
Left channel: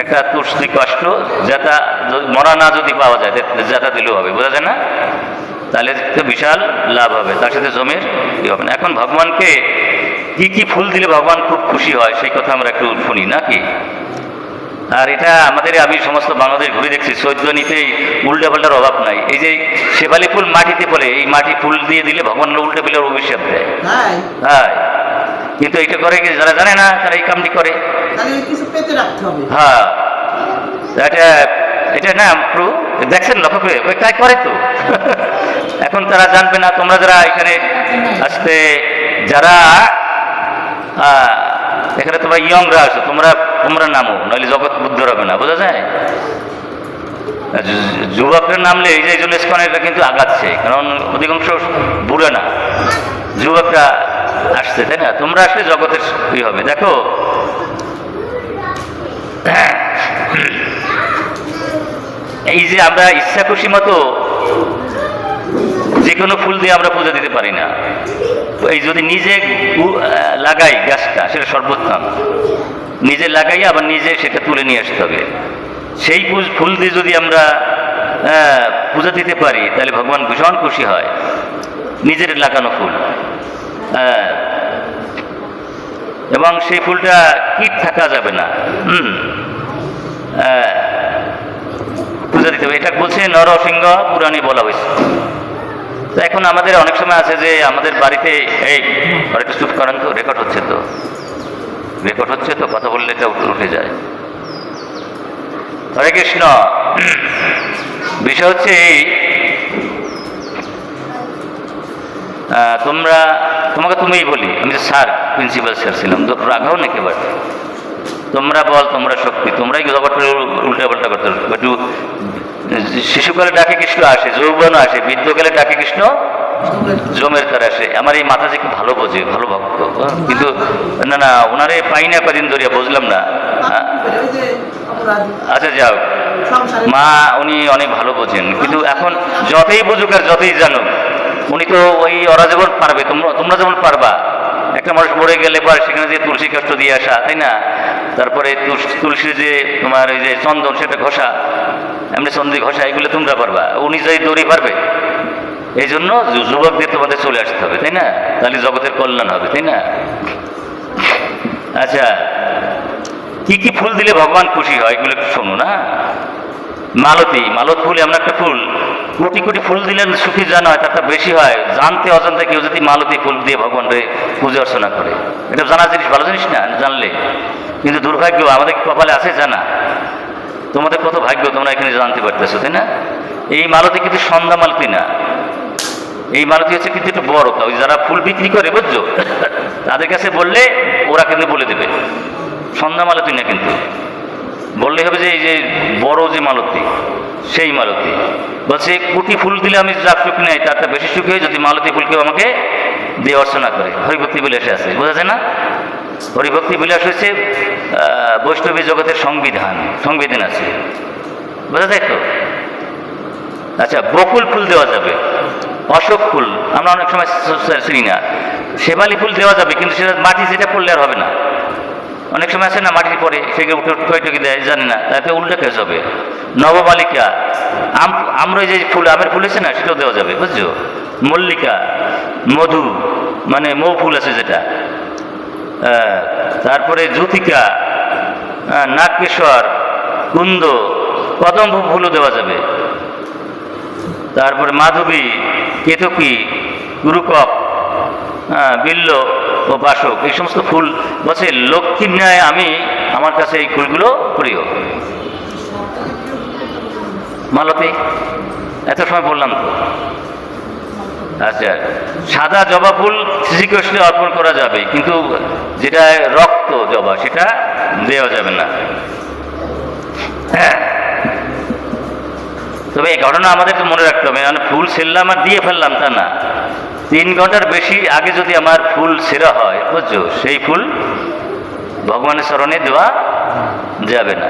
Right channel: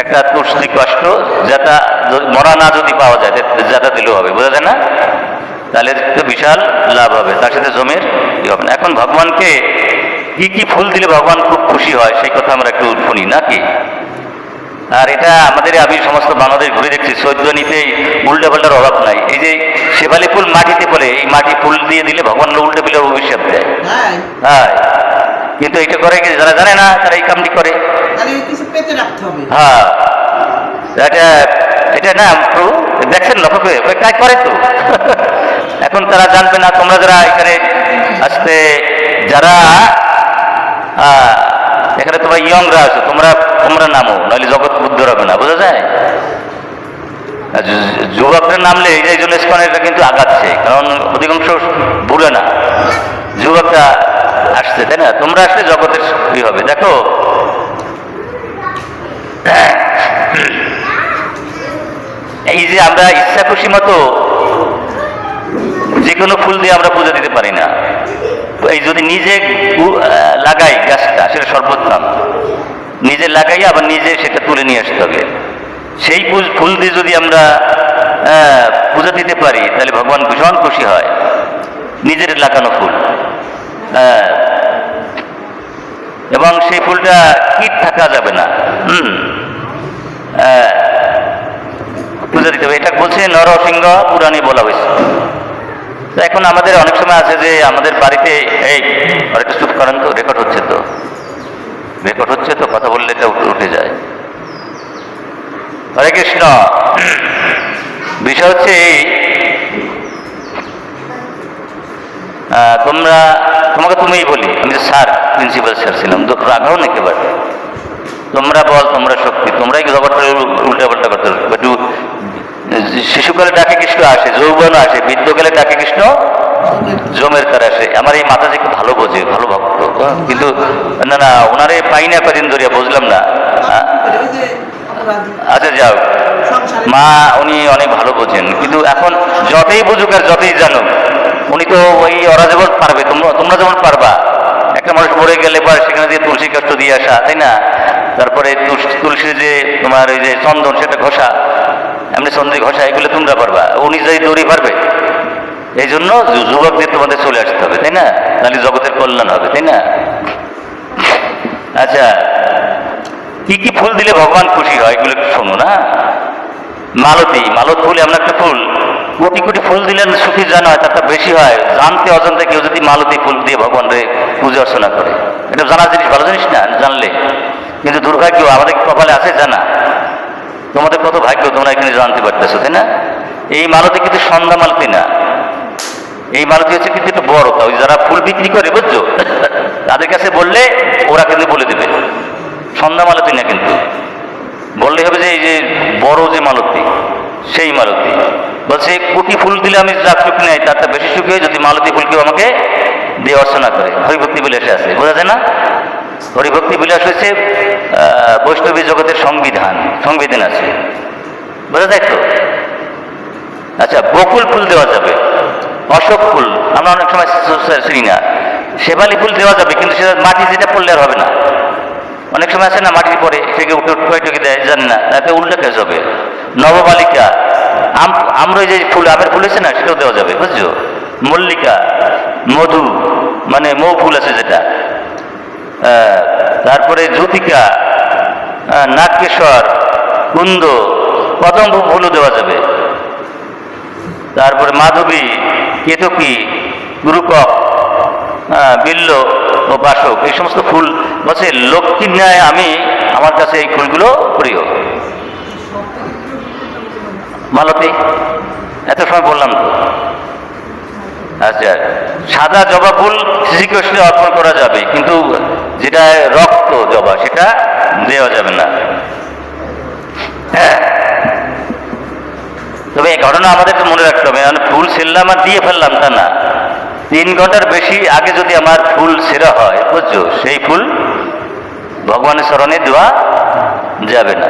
একটা তুলসী কাষ্ঠ, যেটা মরা না যদি পাওয়া যায়, যেটা দিলেও হবে, বোঝা যায় না? তাহলে তো বিশাল লাভ হবে, তার সাথে জমির কি হবে না। এখন ভগবানকে কি কি ফুল দিলে ভগবান খুব খুশি হয়, সেই কথা আমরা একটু শুনি নাকি? আর এটা আমাদের, আমি সমস্ত বাংলাদেশ ঘুরে দেখছি, চৈদ্যনীতেই উল্টা পাল্টার অভাব নাই। এই যে শেফালি ফুল মাটিতে পড়ে, এই মাটি ফুল দিয়ে দিলে ভগবান উল্টে পেলে অভিশাপ দেয়। হ্যাঁ, কিন্তু এটা করে কি যারা জানে না, তারা এই কামটি করে। হ্যাঁ, এটা না প্রভু দেখছেন, লক্ষ্য করে তাই করে তো। এখন তারা জানবে না। তোমরা যারা এখানে আসতে, যারা এখানে তোমরা ইয়ংরা আছো, তোমরা নামো, নাহলে জগৎ বুদ্ধ হবে না, বোঝা যায়? যুবকরা নামলে এই জন্য স্কনেরটা কিন্তু আগাচ্ছে, কারণ অধিকাংশ বুড়ো না, যুবকরা আসছে, তাই না? তোমরা আসলে জগতের কি হবে। দেখো, এই যে আমরা ইচ্ছা খুশি মতো যে কোনো ফুল দিয়ে আমরা পূজা দিতে পারি না। এই যদি নিজে লাগাই গাছটা, সেটা সর্বোত্তম। নিজে লাগাই আবার নিজে সেটা তুলে নিয়ে আসতে হবে। সেই ফুল দিয়ে যদি আমরা পূজা দিতে পারি, তাহলে ভগবান ভীষণ খুশি হয়। নিজের লাগানো ফুল, এবং সেই ফুলটা কীট থাকা যাবে না, পূজা দিতে হবে। এটা বলছে নরসিংহ পুরাণে বলা হয়েছে। তো এখন আমাদের অনেক সময় আছে যে আমাদের বাড়িতে, এই একটু চুপ করেন তো, রেকর্ড হচ্ছে তো, কথা বললে এটা উঠে যায়। হরে কৃষ্ণ। বিষয় হচ্ছে এই, তোমাকে তুমিই বলি, আমি তো স্যার, প্রিন্সিপাল স্যার ছিলাম, রাগাও না একেবারে। তোমরা বল, তোমরা শক্তি, তোমরাই ব্যাপারটা উল্টা পাল্টা করতে হবে। একটু শিশুকালে ডাকে কৃষ্ণ আসে, যৌবন আসে, বৃদ্ধকালে ডাকে কৃষ্ণ জমের তার আসে। আমার এই মাতা যে খুব ভালো বোঝে, ভালো ভক্ত, কিন্তু না ওনারে পাই না কদিন ধরিয়া, বুঝলাম না। আচ্ছা যাও, মা উনি অনেক ভালো বোঝেন, কিন্তু এখন যতই বুঝুক আর যতই জানুক, উনি তো ওই ওরা যেমন পারবে, তোমরা যেমন পারবা। একটা মানুষ মরে গেলে পরে সেখানে দিয়ে তুলসী কাষ্ঠ দিয়ে আসা, তাই না? তারপরে তুলসী যে তোমার ওই যে চন্দন, সেটা ঘষা, এমনি চন্দ্রী ঘষা, এগুলো তোমরা পারবা, উনি যাই দৌড়ি পারবে। এই জন্য যুবকদের তোমাদের চলে আসতে হবে, তাই না? তাহলে জগতের কল্যাণ হবে, তাই না? আচ্ছা, কি কি ফুল দিলে ভগবান খুশি হয়, এগুলো একটু শোনো না। মালত ফুল এমন একটা ফুল, কোটি কোটি ফুল দিলে সুখী জানা হয়, তারটা বেশি হয়। জানতে অজান্তে কেউ যদি মালতী ফুল দিয়ে ভগবানের পুজো অর্চনা করে, এটা জানা জিনিস, ভালো জিনিস না জানলে। কিন্তু দুর্ভাগ্য, আমাদের কপালে আছে জানা। তোমাদের কত ভাগ্য, তোমরা এখানে জানতে পারতেছো, তাই না? এই মালতী কিন্তু সন্ধ্যা মালতী না, এই মালতী হচ্ছে কিন্তু একটু বড়। ওই যারা ফুল বিক্রি করে, বুঝছো, তাদের কাছে বললে ওরা কিন্তু বলে দেবে সন্ধ্যা মালতী না, কিন্তু বললেই হবে যে এই যে বড় যে মালতী, সেই মালতী। বলছে কোটি ফুল দিলে আমি যা সুখ নেই, তারটা বেশি সুখ হয় যদি মালতী ফুল কেউ আমাকে দিয়ে অর্চনা করে। হরিভক্তি বিলাসে আছে, বোঝা যায় না? হরিভক্তি বিলাস হচ্ছে বৈষ্ণবী জগতের সংবিধান আছে, বোঝা যায় তো? আচ্ছা, বকুল ফুল দেওয়া যাবে, অশোক ফুল আমরা অনেক সময় চিনি না। শেফালি ফুল দেওয়া যাবে, কিন্তু সেটা মাটি যেটা পড়লে আর হবে না। অনেক সময় আছে না, মাটি পরে সেকে উঠে টুকে দেয়, জানি না, তাতে উল্টে কেস হবে। নবমালিকা, আমরা যে ফুল, আমের ফুল আছে না, সেটাও দেওয়া যাবে, বুঝছো? মল্লিকা, মধু মানে মৌ ফুল আছে যেটা, তারপরে জ্যোতিকা, নাগকেশর, কুন্দ, কদম্ব ফুলও দেওয়া যাবে। তারপরে মাধবী, কেতকী, গুরুকক, বিল্ল ও বাসক, এই সমস্ত ফুল বলছে লক্ষ্মীর ন্যায় আমি, আমার কাছে এই ফুলগুলো প্রিয়। মালতী, এত সময় বললাম তো। আচ্ছা, সাদা জবা ফুল শ্রীকৃষ্ণে অর্পণ করা যাবে, কিন্তু যেটা রক্ত জবা সেটা দেওয়া যাবে না। হ্যাঁ, তবে এই ঘটনা আমাদের তো মনে রাখতে হবে, মানে ফুল ছেড়লাম আর দিয়ে ফেললাম তা না। 3 ঘন্টার বেশি আগে যদি আমার ফুল ছেঁড়া হয়, বুঝছো, সেই ফুল ভগবানের চরণে দেওয়া যাবে না।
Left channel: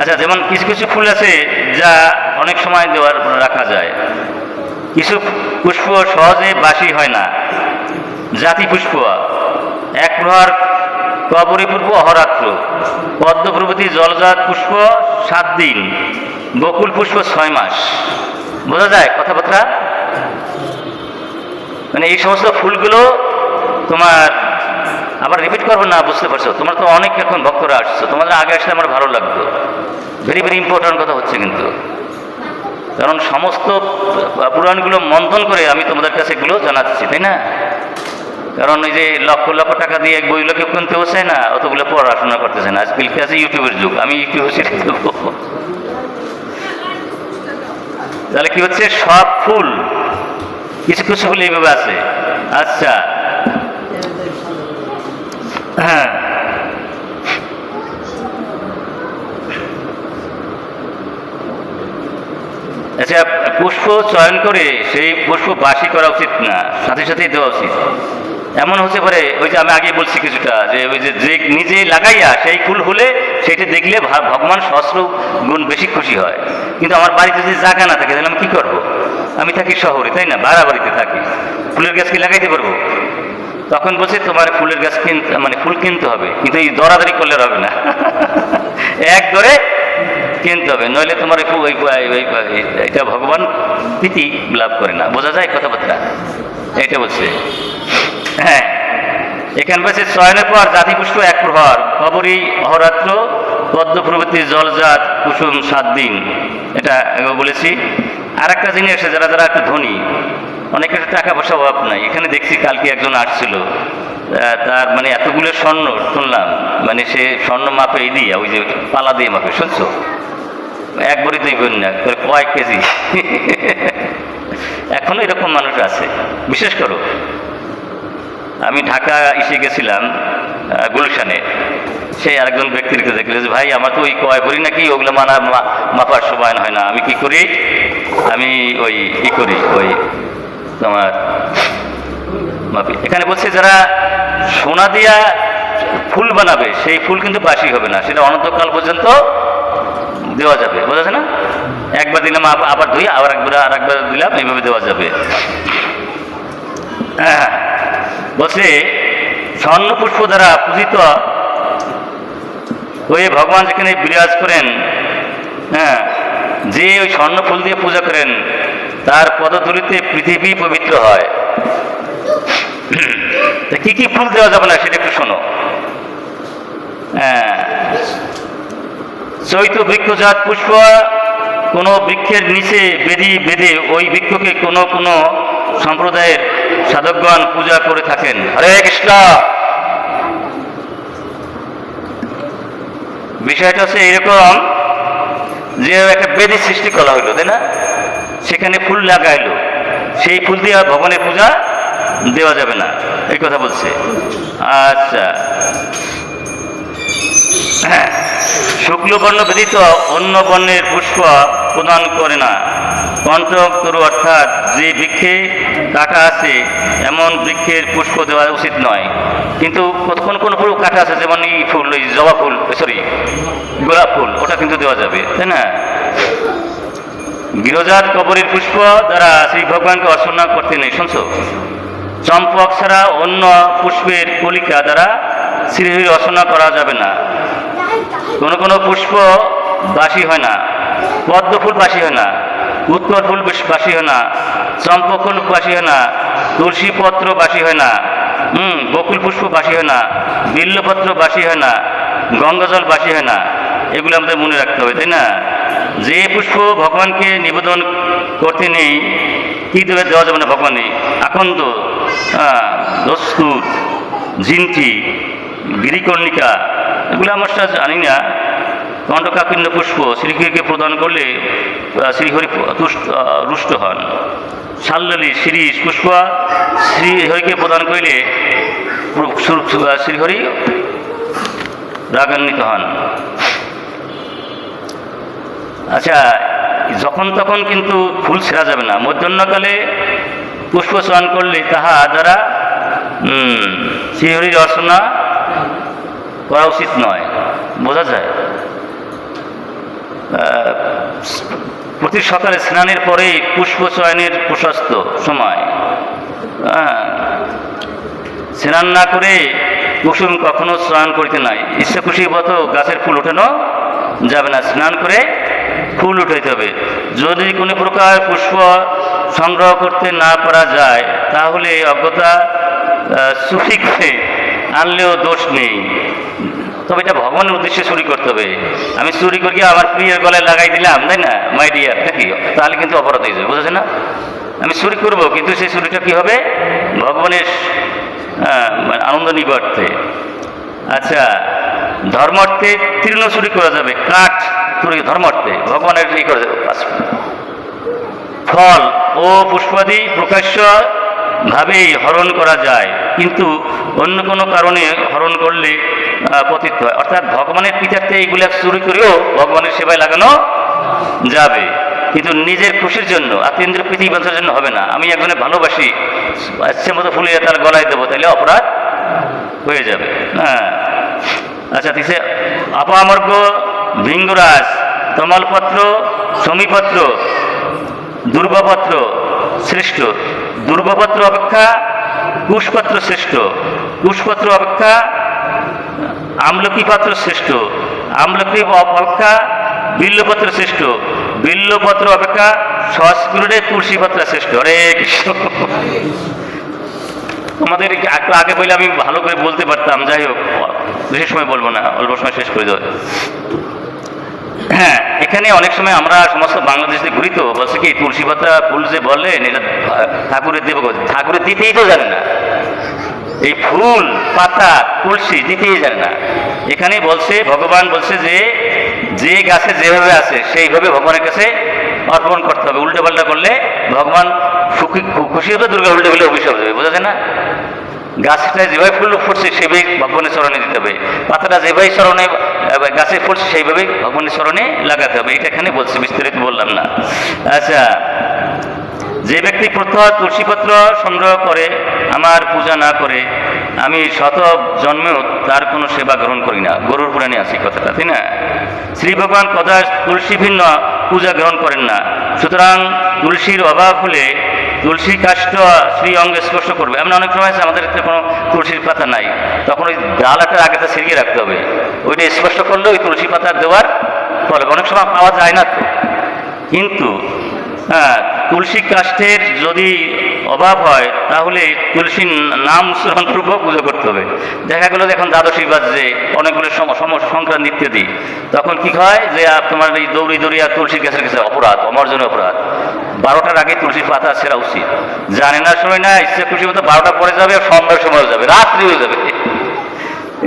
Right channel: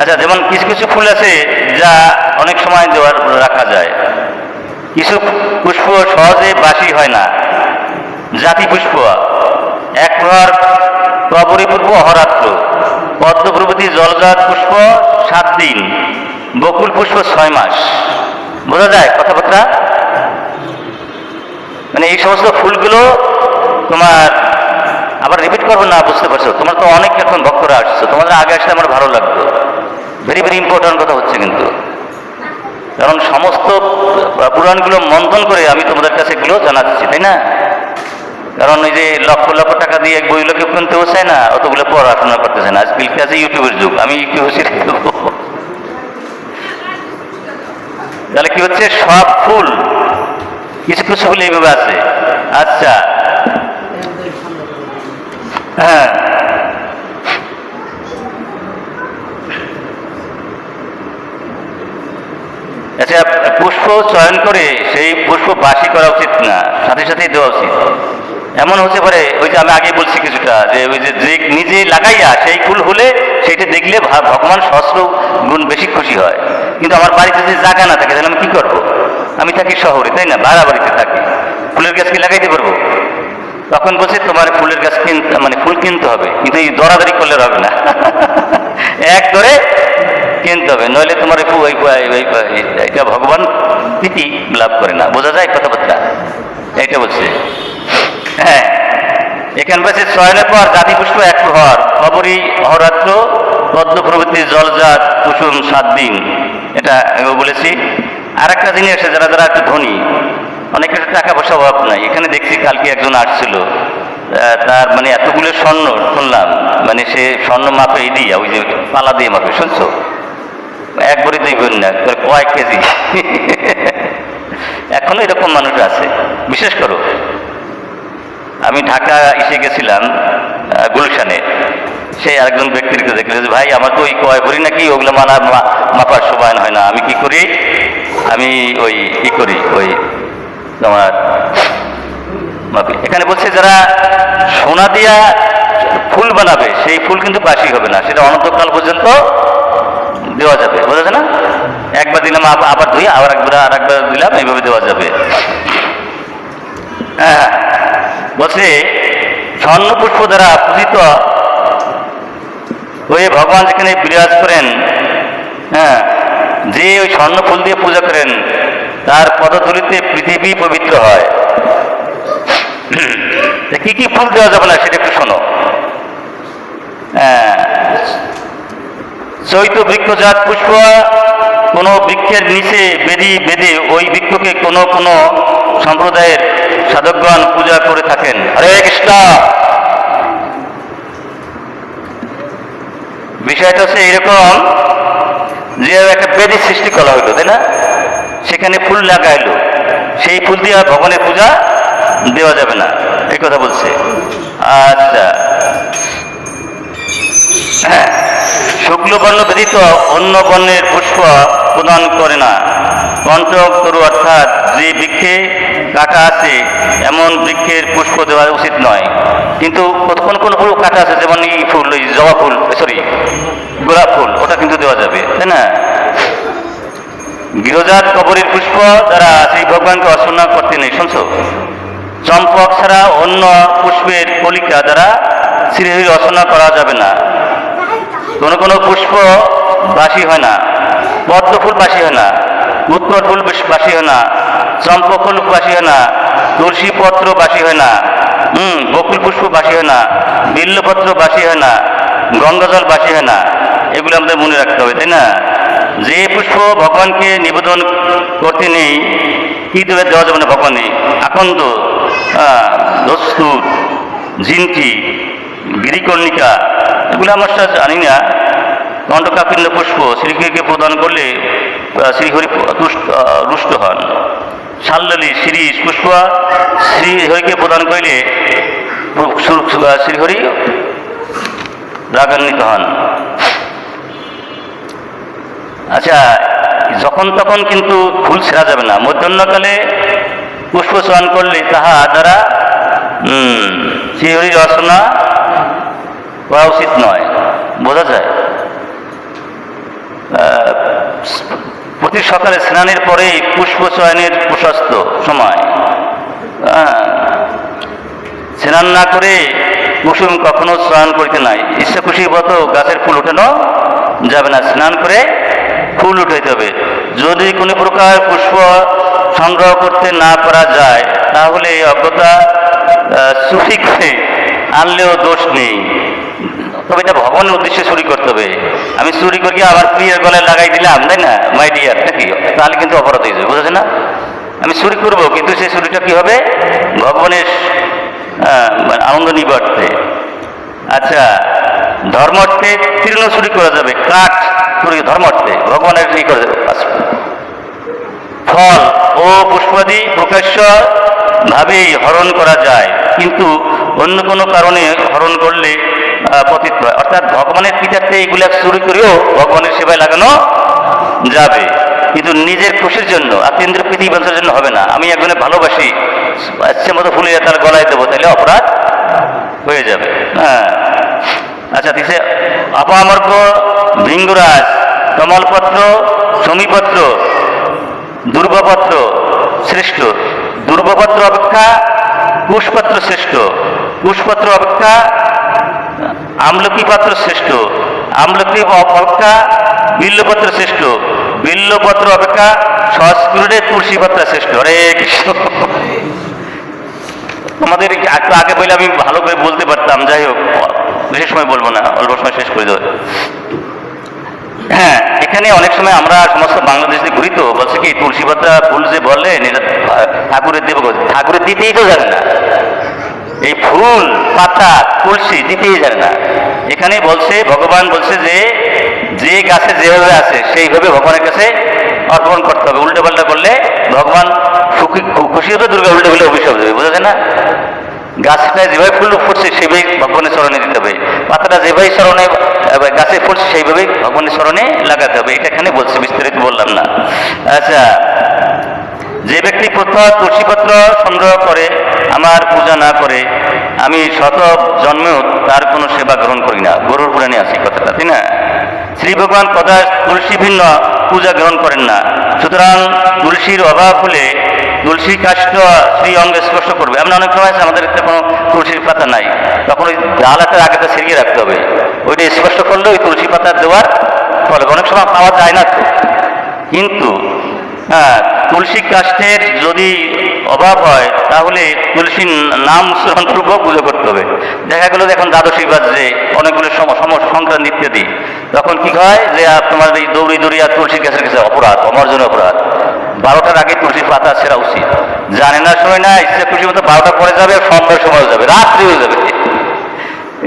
আচ্ছা, যেমন কিছু কিছু ফুল আছে যা অনেক সময় দেওয়ার রাখা যায়। কিছু পুষ্প সহজে বাসি হয় না। জাতি পুষ্প, এক প্রহার অপরিপূর্ব অহরাত্র, পদ্ম প্রভৃতি জলজাত পুষ্প 7 দিন, বকুল পুষ্প 6 মাস। বোঝা যায় কথাবার্তা? মানে এই সমস্ত ফুলগুলো তোমার, আবার রিপিট করবো না, বুঝতে পারছো? তোমার তো অনেক এখন ভক্তরা আসছো, তোমাদের আগে আসলে আমার ভালো লাগতো। ভেরি ভেরি ইম্পর্টেন্ট কথা হচ্ছে কিন্তু, কারণ সমস্ত পুরাণগুলো মন্থন করে আমি তোমাদের কাছে এগুলো জানাচ্ছি, তাই না? কারণ ওই যে লক্ষ লক্ষ টাকা দিয়ে এক বই লোকে কিনতেও চায় না, অতগুলো পড়াশোনা করতেছে না। আজকাল আছে ইউটিউবের যুগ, আমি ইউটিউবে ছেড়ে দেবো। তাহলে কি হচ্ছে, সব ফুল, কিছু কিছু ফুল এইভাবে আছে। আচ্ছা, হ্যাঁ, আচ্ছা, পুষ্প চয়ন করে সেই পুষ্প বাসি করা উচিত না, সাথে সাথেই দেওয়া উচিত। এমন হতে পারে, ওই যে আমি আগে বলছি কিছুটা, যে ওই যে নিজে লাগাইয়া সেই ফুল হলে সেটা দেখলে ভগবান সহস্র গুণ বেশি খুশি হয়। কিন্তু আমার বাড়িতে যদি জায়গা না থাকে, তাহলে আমি কি করবো? আমি থাকি শহরে, তাই না, ভাড়া বাড়িতে থাকি, ফুলের গাছ কি লাগাইতে পারবো? তখন বলছে তোমার ফুলের গাছ কিনতে, মানে ফুল কিনতে হবে, কিন্তু এই দরাদরি করলে হবে না। এক ধরে কিনতে হবে, নইলে তোমার এটা ভগবান প্রীতি লাভ করে না। বোঝা যায় কথাবার্তা? এইটা বলছে। হ্যাঁ, এখানে বলছে চয়নের পর জাতি পুষ্প 1 প্রহার, অপরি অহরাত্র, পদ্ম প্রভৃতি জলজাত কুসুম 7 দিন। এটা আমি বলেছি। আর একটা জিনিস আছে, যারা যারা একটু ধনী, অনেকের টাকা পয়সা অভাব নাই। এখানে দেখছি কালকে একজন আসছিল, তার মানে এতগুলো স্বর্ণ শুনলাম, মানে সে স্বর্ণ মাপে দিয়ে, ওই যে পালা দিয়ে মাপে, শুনছো? 1 ভরি 2 ভরি না, কয়েক কেজি। এখনো এরকম মানুষ আছে, বিশেষ করো। আমি ঢাকা এসে গেছিলাম, গুলশানে, সে আরেকজন ব্যক্তির দেখলে, ভাই আমার তো ওই কয় ভরি নাকি, ওগুলো মাপার সময় হয় না, আমি কি করি, আমি ওই কি করি, ওই তোমার মাপি। এখানে বলছে যারা সোনা দিয়া ফুল বানাবে, সেই ফুল কিন্তু বাসি হবে না, সেটা অনন্তকাল পর্যন্ত দেওয়া যাবে। বোঝা যায় না? একবার দিলাম, আবার ধুই, আবার আরেকবার দিলাম, এইভাবে দেওয়া যাবে। হ্যাঁ, বলছে স্বর্ণ পুষ্প দ্বারা পূজিত হয়ে ভগবান যেখানে বিরাজ করেন, হ্যাঁ, যে ওই স্বর্ণ ফুল দিয়ে পূজা করেন, তার পদধূলিতে পৃথিবী পবিত্র হয়। কি কি ফুল দেওয়া যাবে না সেটা একটু শোনো। চৈত বৃক্ষজাত পুষ্প, কোন বৃক্ষের নিচে বেঁধে ওই বৃক্ষকে কোন কোন সম্প্রদায়ের সাধকগণ পূজা করে থাকেন। হরে কৃষ্ণ। বিষয়টা হচ্ছে এরকম যে একটা বেদি সৃষ্টি করা হইলো, তাই না? সেখানে ফুল লাগাইলো, সেই ফুল দিয়ে ভগবানের পূজা দেওয়া যাবে না, এই কথা বলছে। আচ্ছা, হ্যাঁ, শুক্ল বর্ণ ব্যতীত অন্য বর্ণের পুষ্প প্রদান করে না। পঞ্চতরু অর্থাৎ যে বৃক্ষে কাটা আছে এমন বৃক্ষের পুষ্প দেওয়া উচিত নয়। কিন্তু কোন কোন ফুল কাটা আছে, যেমন এই ফুল, ওই জবা ফুল, সরি গোলাপ ফুল, ওটা কিন্তু দেওয়া যাবে, তাই না? গৃহজাত কবরীর পুষ্প দ্বারা শ্রী ভগবানকে অর্চনা করতে নেই, শুনছো? চম্পক ছাড়া অন্য পুষ্পের কলিকা দ্বারা শ্রীহরির অর্চনা করা যাবে না। কোনো কোনো পুষ্প বাসি হয় না, পদ্ম ফুল বাসি হয় না, উৎকট ফুল বাসি হয় না, চম্পক ফুল বাসি হয় না, তুলসী পত্র বাসি হয় না, বকুল পুষ্প বাসি হয় না, বিল্লপত্র বাসি হয় না, গঙ্গাজল বাসি হয় না। এগুলো আমাদের মনে রাখতে হবে, তাই না? যে পুষ্প ভগবানকে নিবেদন করতে নেই, কি দেবে দেওয়া যাবে না ভগবানে? আকন্দ, দস্তুর, জিনটি, গিরিকর্ণিকা, এগুলো আমার সাথে জানি না। কণ্ঠকাকীর্ণ পুষ্প শ্রীহরিকে প্রদান করলে শ্রীহরি রুষ্ট হন। শাল্যলি, শিরীষ পুষ্প শ্রীহরিকে প্রদান করিলে শ্রীহরি রাগান্বিত হন। আচ্ছা, যখন তখন কিন্তু ফুল ছেঁড়া যাবে না। মধ্যাহ্নকালে পুষ্প চয়ন করলে তাহা দ্বারা শ্রীহরির রচনা করা উচিত নয়, বোঝা যায়। প্রতি সকালে স্নানের পরেই পুষ্প চয়নের প্রশস্ত সময়। স্নান না করে কুসুম কখনো চয়ন করিতে নাই। ইচ্ছা খুশির মতো গাছের ফুল উঠানো যাবে না, স্নান করে ফুল উঠাইতে হবে। যদি কোনো প্রকার পুষ্প সংগ্রহ করতে না পারা যায় তাহলে অজ্ঞতা সুফিক্সে আনলেও দোষ নেই, তবে এটা ভগবানের উদ্দেশ্যে চুরি করতে হবে। আমি চুরি করি আমার প্রিয়ের গলায় লাগাই দিলাম, তাই না, মাই ডিয়ার, নাকি? তাহলে কিন্তু অপরাধ হয়ে যাবে, বুঝেছে না? আমি চুরি করবো, কিন্তু সেই চুরিটা কি হবে? ভগবানের আনন্দ নিবার্থে। আচ্ছা, ধর্মার্থে তৃণ চুরি করা যাবে, কাঠ চুরি ধর্মার্থে, ভগবানের ই করে ফল ও পুষ্পাদি প্রকাশ্য ভাবেই হরণ করা যায়, কিন্তু অন্য কোনো কারণে হরণ করলে পতিত হয়। অর্থাৎ ভগবানের পিতাতে এইগুলা চুরি করেও ভগবানের সেবায় লাগানো যাবে, কিন্তু নিজের খুশির জন্য আত্মীয় প্রীতি বাঁচার জন্য হবে না। আমি একজনে ভালোবাসি, ইচ্ছে মতো ফুলে তার গলায় দেবো, তাহলে অপরাধ হয়ে যাবে। হ্যাঁ, আচ্ছা, দিছে অপামর্গ, ভৃঙ্গরাজ, তমালপত্র, সমীপত্র, দুর্গপত্র শ্রেষ্ঠ। দুর্গপত্র অপেক্ষা কুশপত্র শ্রেষ্ঠ। কুশপত্র অপেক্ষা আমলকি পাত্র শ্রেষ্ঠ। আমলকি অপেক্ষা বিল্লপত্র শ্রেষ্ঠ। বিল্লপত্র অপেক্ষা সংস্কৃতে তুলসী পাতা শ্রেষ্ঠ। হরে কৃষ্ণ। আমাদের একটু আগে বলে আমি ভালো করে বলতে পারতাম, যাই হোক বিশেষ সময় বলবো না, অল্প সময় শেষ করে দেবো। হ্যাঁ, এখানে অনেক সময় আমরা সমস্ত বাংলাদেশে ঘুরি, তো বলছে কি তুলসী পাতা ফুল যে বললেন এটা ঠাকুরের দেব, ঠাকুরের দিতেই তো জানে না। এই ফুল পাতা তুলসী দিতেই জানে না। এখানে বলছে, ভগবান বলছে যে যে গাছে যেভাবে আছে সেইভাবে ভগবানের কাছে অর্পণ করতে হবে। উল্টো পাল্টা করলে ভগবান খুশি হবে, দুর্গা উল্টে গেলে অভিশাপ দেবে, বোঝা যায় না? গাছটা যেভাবে ফুল ফুটছে সেইভাবেই ভগবানের চরণে দিতে হবে, পাতাটা যেভাবে চরণে গাছে ফুটছে সেইভাবেই ভগবানের চরণে লাগাতে হবে। এটা এখানে বলছে, বিস্তারিত বললাম না। আচ্ছা, যে ব্যক্তি প্রত্যহ তুলসীপত্র সংগ্রহ করে আমার পূজা না করে, আমি শত জন্মেও তার কোনো সেবা গ্রহণ করি না। গরুর পুরাণে আছে কথাটা, তাই না? শ্রী ভগবান কথা তুলসী ভিন্ন পূজা গ্রহণ করেন না। সুতরাং তুলসীর অভাব হলে তুলসী কাষ্ঠ শ্রী অঙ্গে স্পর্শ করবে। আমরা অনেক সময় আছে আমাদের কোনো তুলসীর পাতা নাই, তখন ওই ডালাটা আগেটা ছিঁড়িয়ে রাখতে হবে, ওইটা স্পর্শ করলে ওই তুলসী পাতা দেওয়ার ফলে অনেক সময় পাওয়া যায় না। কিন্তু হ্যাঁ, তুলসী কাষ্ঠের যদি অভাব হয় তাহলে তুলসীর নাম স্মরণপূর্বক পুজো করতে হবে। দেখা গেল এখন দ্বাদশী বাজছে, অনেকগুলো সংক্রান্তি ইত্যাদি, তখন কি হয় যে তোমার এই দৌড়ি দৌড়িয়ে তুলসী গাছের কাছে অপরাধ, আমার জন্য অপরাধ। 12টার আগে তুলসী পাতা ছেঁড়া উচিত। জানে না সময় না, ইচ্ছা খুশি মতো 12টা পরে যাবে, সন্ধ্যার সময় যাবে, রাত্রি হয়ে যাবে।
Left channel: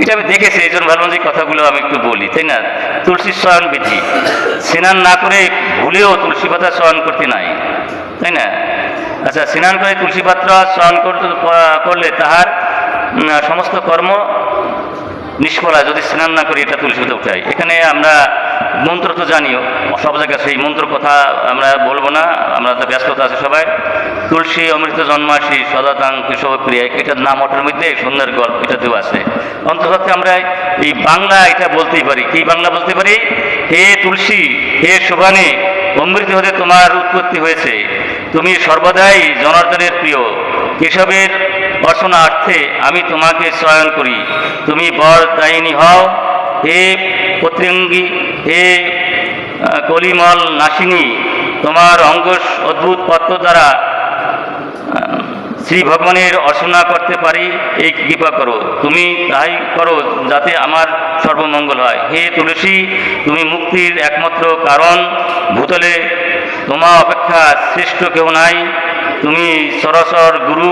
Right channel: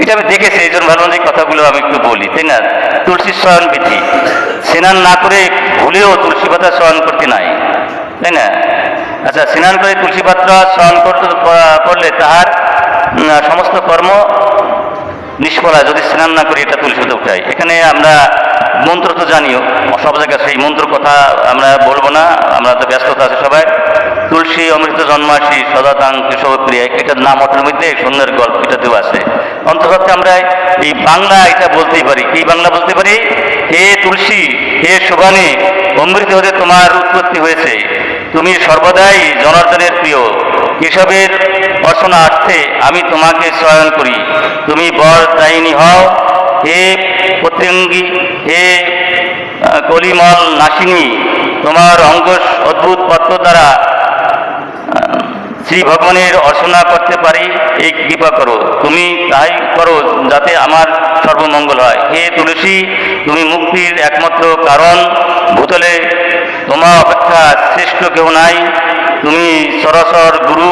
এটা আমি দেখেছি, এই জন্য ভাবলাম যে কথাগুলো আমি একটু বলি, তাই না? তুলসী চয়ন বিধি, স্নান না করে ভুলেও তুলসী পাতা চয়ন করতে নাই, তাই না? আচ্ছা, স্নান করে তুলসী পাতা চয়ন করলে তাহার সমস্ত কর্ম নিষ্ফল হয় যদি স্নান না করি এটা তুলসী পাতা উঠাই। এখানে আমরা মন্ত্র তো জানিও, সব জায়গায় সেই মন্ত্র কথা আমরা বলবো না, আমরা তো ব্যস্ততা আছে সবাই। তুলসী অমৃত জন্মাসী সদাতাং কেশবপ্রিয়া, এটার নাম ওটার মধ্যে সুন্দর গল্প এটা দেওয়া আছে। অন্তত আমরা এই বাংলা এটা বলতেই পারি, কি বাংলা বলতে পারি? হে তুলসী, হে শোভানী, অমৃত হতে তোমার উৎপত্তি হয়েছে। তুমি সর্বদাই জনার্দনের প্রিয়। কেশবের অর্চনার্থে আমি তোমাকে চয়ন করি। তুমি বরদায়িনী হও। হে পতঙ্গী, হে কলিমল নাসিনী, তোমার অঙ্গ অদ্ভুত পত্র দ্বারা শ্রী ভগবানের অর্চনা করতে পারি, এই কৃপা করো। তুমি তাই করো যাতে আমার সর্বমঙ্গল হয়। হে তুলসী, তুমি মুক্তির একমাত্র কারণ। ভূতলে তোমার অপেক্ষা শ্রেষ্ঠ কেউ নাই। তুমি সরাসর গুরু,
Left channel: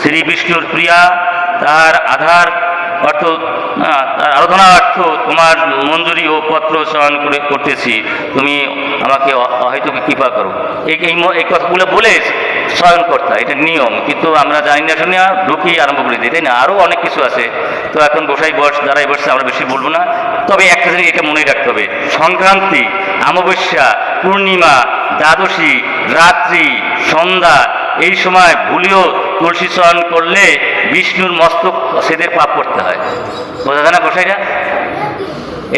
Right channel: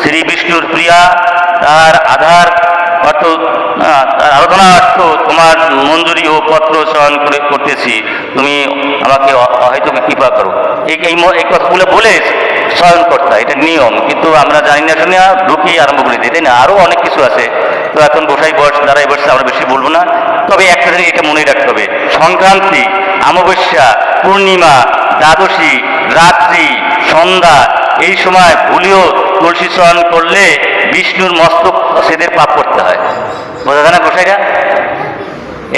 শ্রী বিষ্ণুর প্রিয়া। তাহার আধার অর্থ আরাধনার্থ তোমার মঞ্জুরি ও পত্র চয়ন করতেছি। তুমি আমাকে হয়তো কৃপা করো। এই কথাগুলো বলে চয়ন কর্তা, এটা নিয়ম, কিন্তু আমরা জানি না শুনে ঢুকি আরম্ভ করে দিই, তাই না? আরও অনেক কিছু আছে। তো এখন বসাই বয়স দাঁড়াই বসে আমরা বেশি বলবো না। তবে একটা জিনিস এটা মনে রাখতে হবে, সংক্রান্তি, অমাবস্যা, পূর্ণিমা, দ্বাদশী, রাত্রি, সন্ধ্যা, এই সময় ভুলিও তুলসী চয়ন করলে বিষ্ণুর মস্তক সেদের পাপ করতে হয়। বোঝা যায় না গোসাইরা?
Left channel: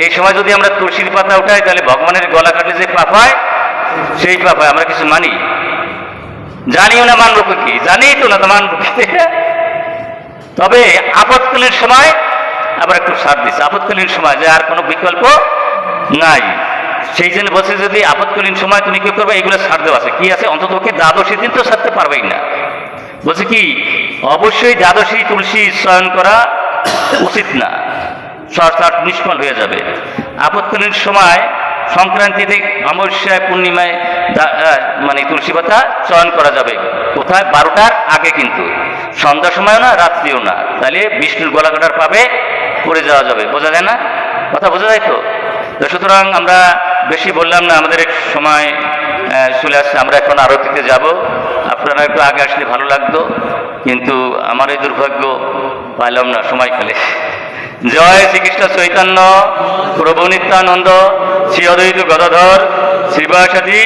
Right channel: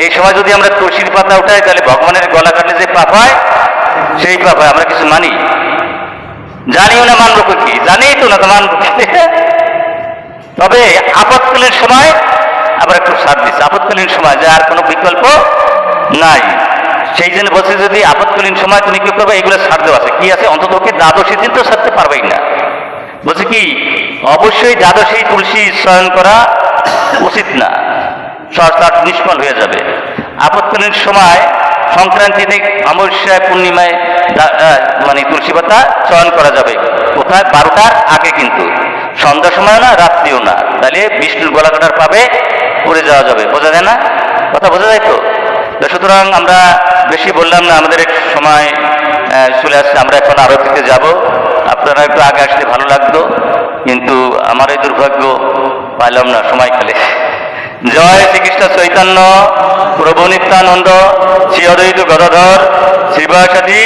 এই সময় যদি আমরা তুলসীর পাতা উঠাই তাহলে ভগবানের গলা কাটলে যে পাপ হয় সেই পাপ হয়। আমরা কিছু মানি? জানিও না, মানবো কি? জানি তো না, তো মানবো কি? তবে আপৎকালীন সময় আবার একটু সাথ দিচ্ছে। আপৎকালীন সময় যে আর কোনো বিকল্প নাই, সেই জন্য বলছে যদি আপৎকালীন সময় তুমি কি করবে, এগুলো ছাড় দেওয়া আছে। কি আছে? অন্তত কি দ্বাদশী দিন তো ছাড়তে পারবেই না। বলছে কি, অবশ্যই দ্বাদশী তুলসী চয়ন করা উচিত না, তার নিষ্ফল হয়ে যাবে। আপৎকালীন সময় সংক্রান্তিতে, অমাবস্যা, পূর্ণিমায় মানে তুলসী পাতা চয়ন করা যাবে। কোথায়? 12টার আগে, কিন্তু সন্ধ্যার সময় না, রাত্রিও না। তাহলে বিষ্ণুর গলা কাটার পাবে পড়ে যাওয়া যাবে। বোঝা যায় না? কথা বোঝা যায় তো? সুতরাং আমরা বেশি বললাম না, আমাদের এক সময় চলে আসছে। আমরা এখন আরতিতে যাব। আপনারা একটু আগে আসলে ভালো লাগতো, কিন্তু আমার এই দুর্ভাগ্য, পাইলাম না সময় খেলে। জয় শ্রীকৃষ্ণ চৈতন্য প্রভু নিত্যানন্দ, শ্রী অদ্বৈত গদাধর শ্রীবাসাদি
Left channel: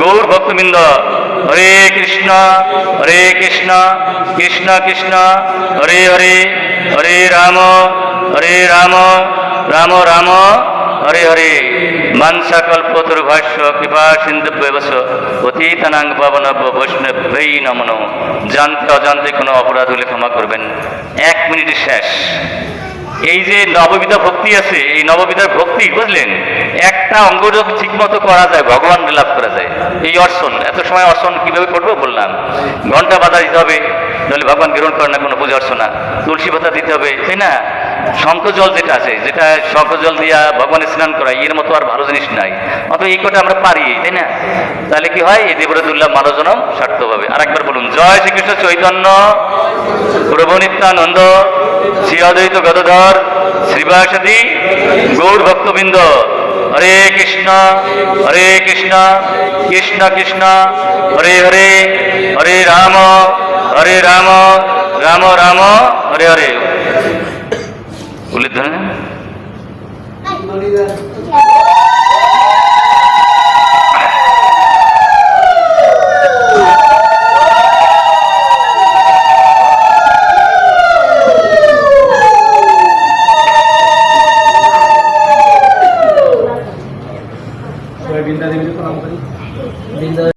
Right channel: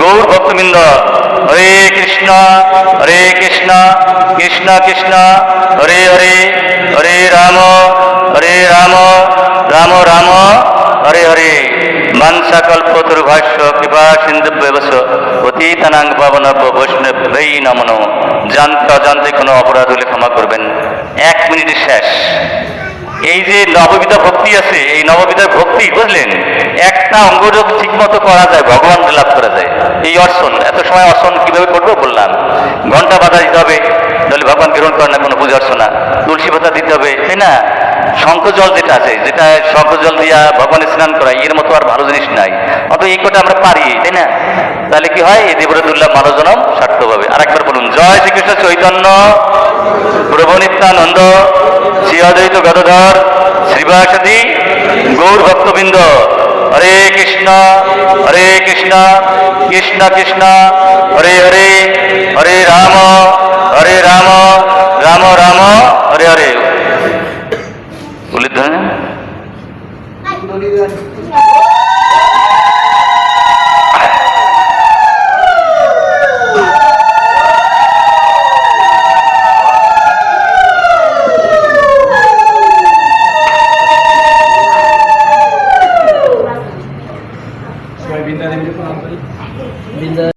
গৌর ভক্তবৃন্দ। হরে কৃষ্ণ কৃষ্ণ কৃষ্ণ হরে হরে, হরে রাম রাম রাম হরে হরে। বাঞ্ছাকল্পতরুভাষ্য কৃপা সিন্ধুভ্যবশ পতিতানাং পাবনভ্য বৈষ্ণবৈ নমো নমঃ। জানতে অজান্তে কোনো অপরাধ হলে ক্ষমা করবেন। 1 মিনিটের শেষ। এই যে নববিধা ভক্তি আছে, এই নববিধার ভক্তি, বুঝলেন, একটা অঙ্গ যদি ঠিক মতো করা যায় ভগবান লাভ করা যায়। এই অর্চন, এত সময় অর্চন কিভাবে করবো বললাম। ঘন্টা বাধা দিতে হবে, তাহলে ভগবান গ্রহণ করে না কোনো পূজা অর্চনা। তুলসী পাতা দিতে হবে, তাই না? শঙ্খ জল যেটা আছে, যেটা শঙ্খ জল দিয়া ভগবানের স্নান করায়, এর মতো আর ভালো জিনিস নাই। অথবা এই কটা আমরা পারি, তাই না? তাহলে কি হয়? এই দেবরতুল্লাহ মানব জনম সার্থক হবে। আরেকবার বলুন, জয় শ্রীকৃষ্ণ চৈতন্য প্রভু নিত্যানন্দ, শ্রী অদ্বৈত গদাধর শ্রীবাসাদি গৌর ভক্তবৃন্দ। হরে কৃষ্ণ কৃষ্ণ কৃষ্ণ হরে হরে, হরে রাম রাম রাম হরে হরে। বলে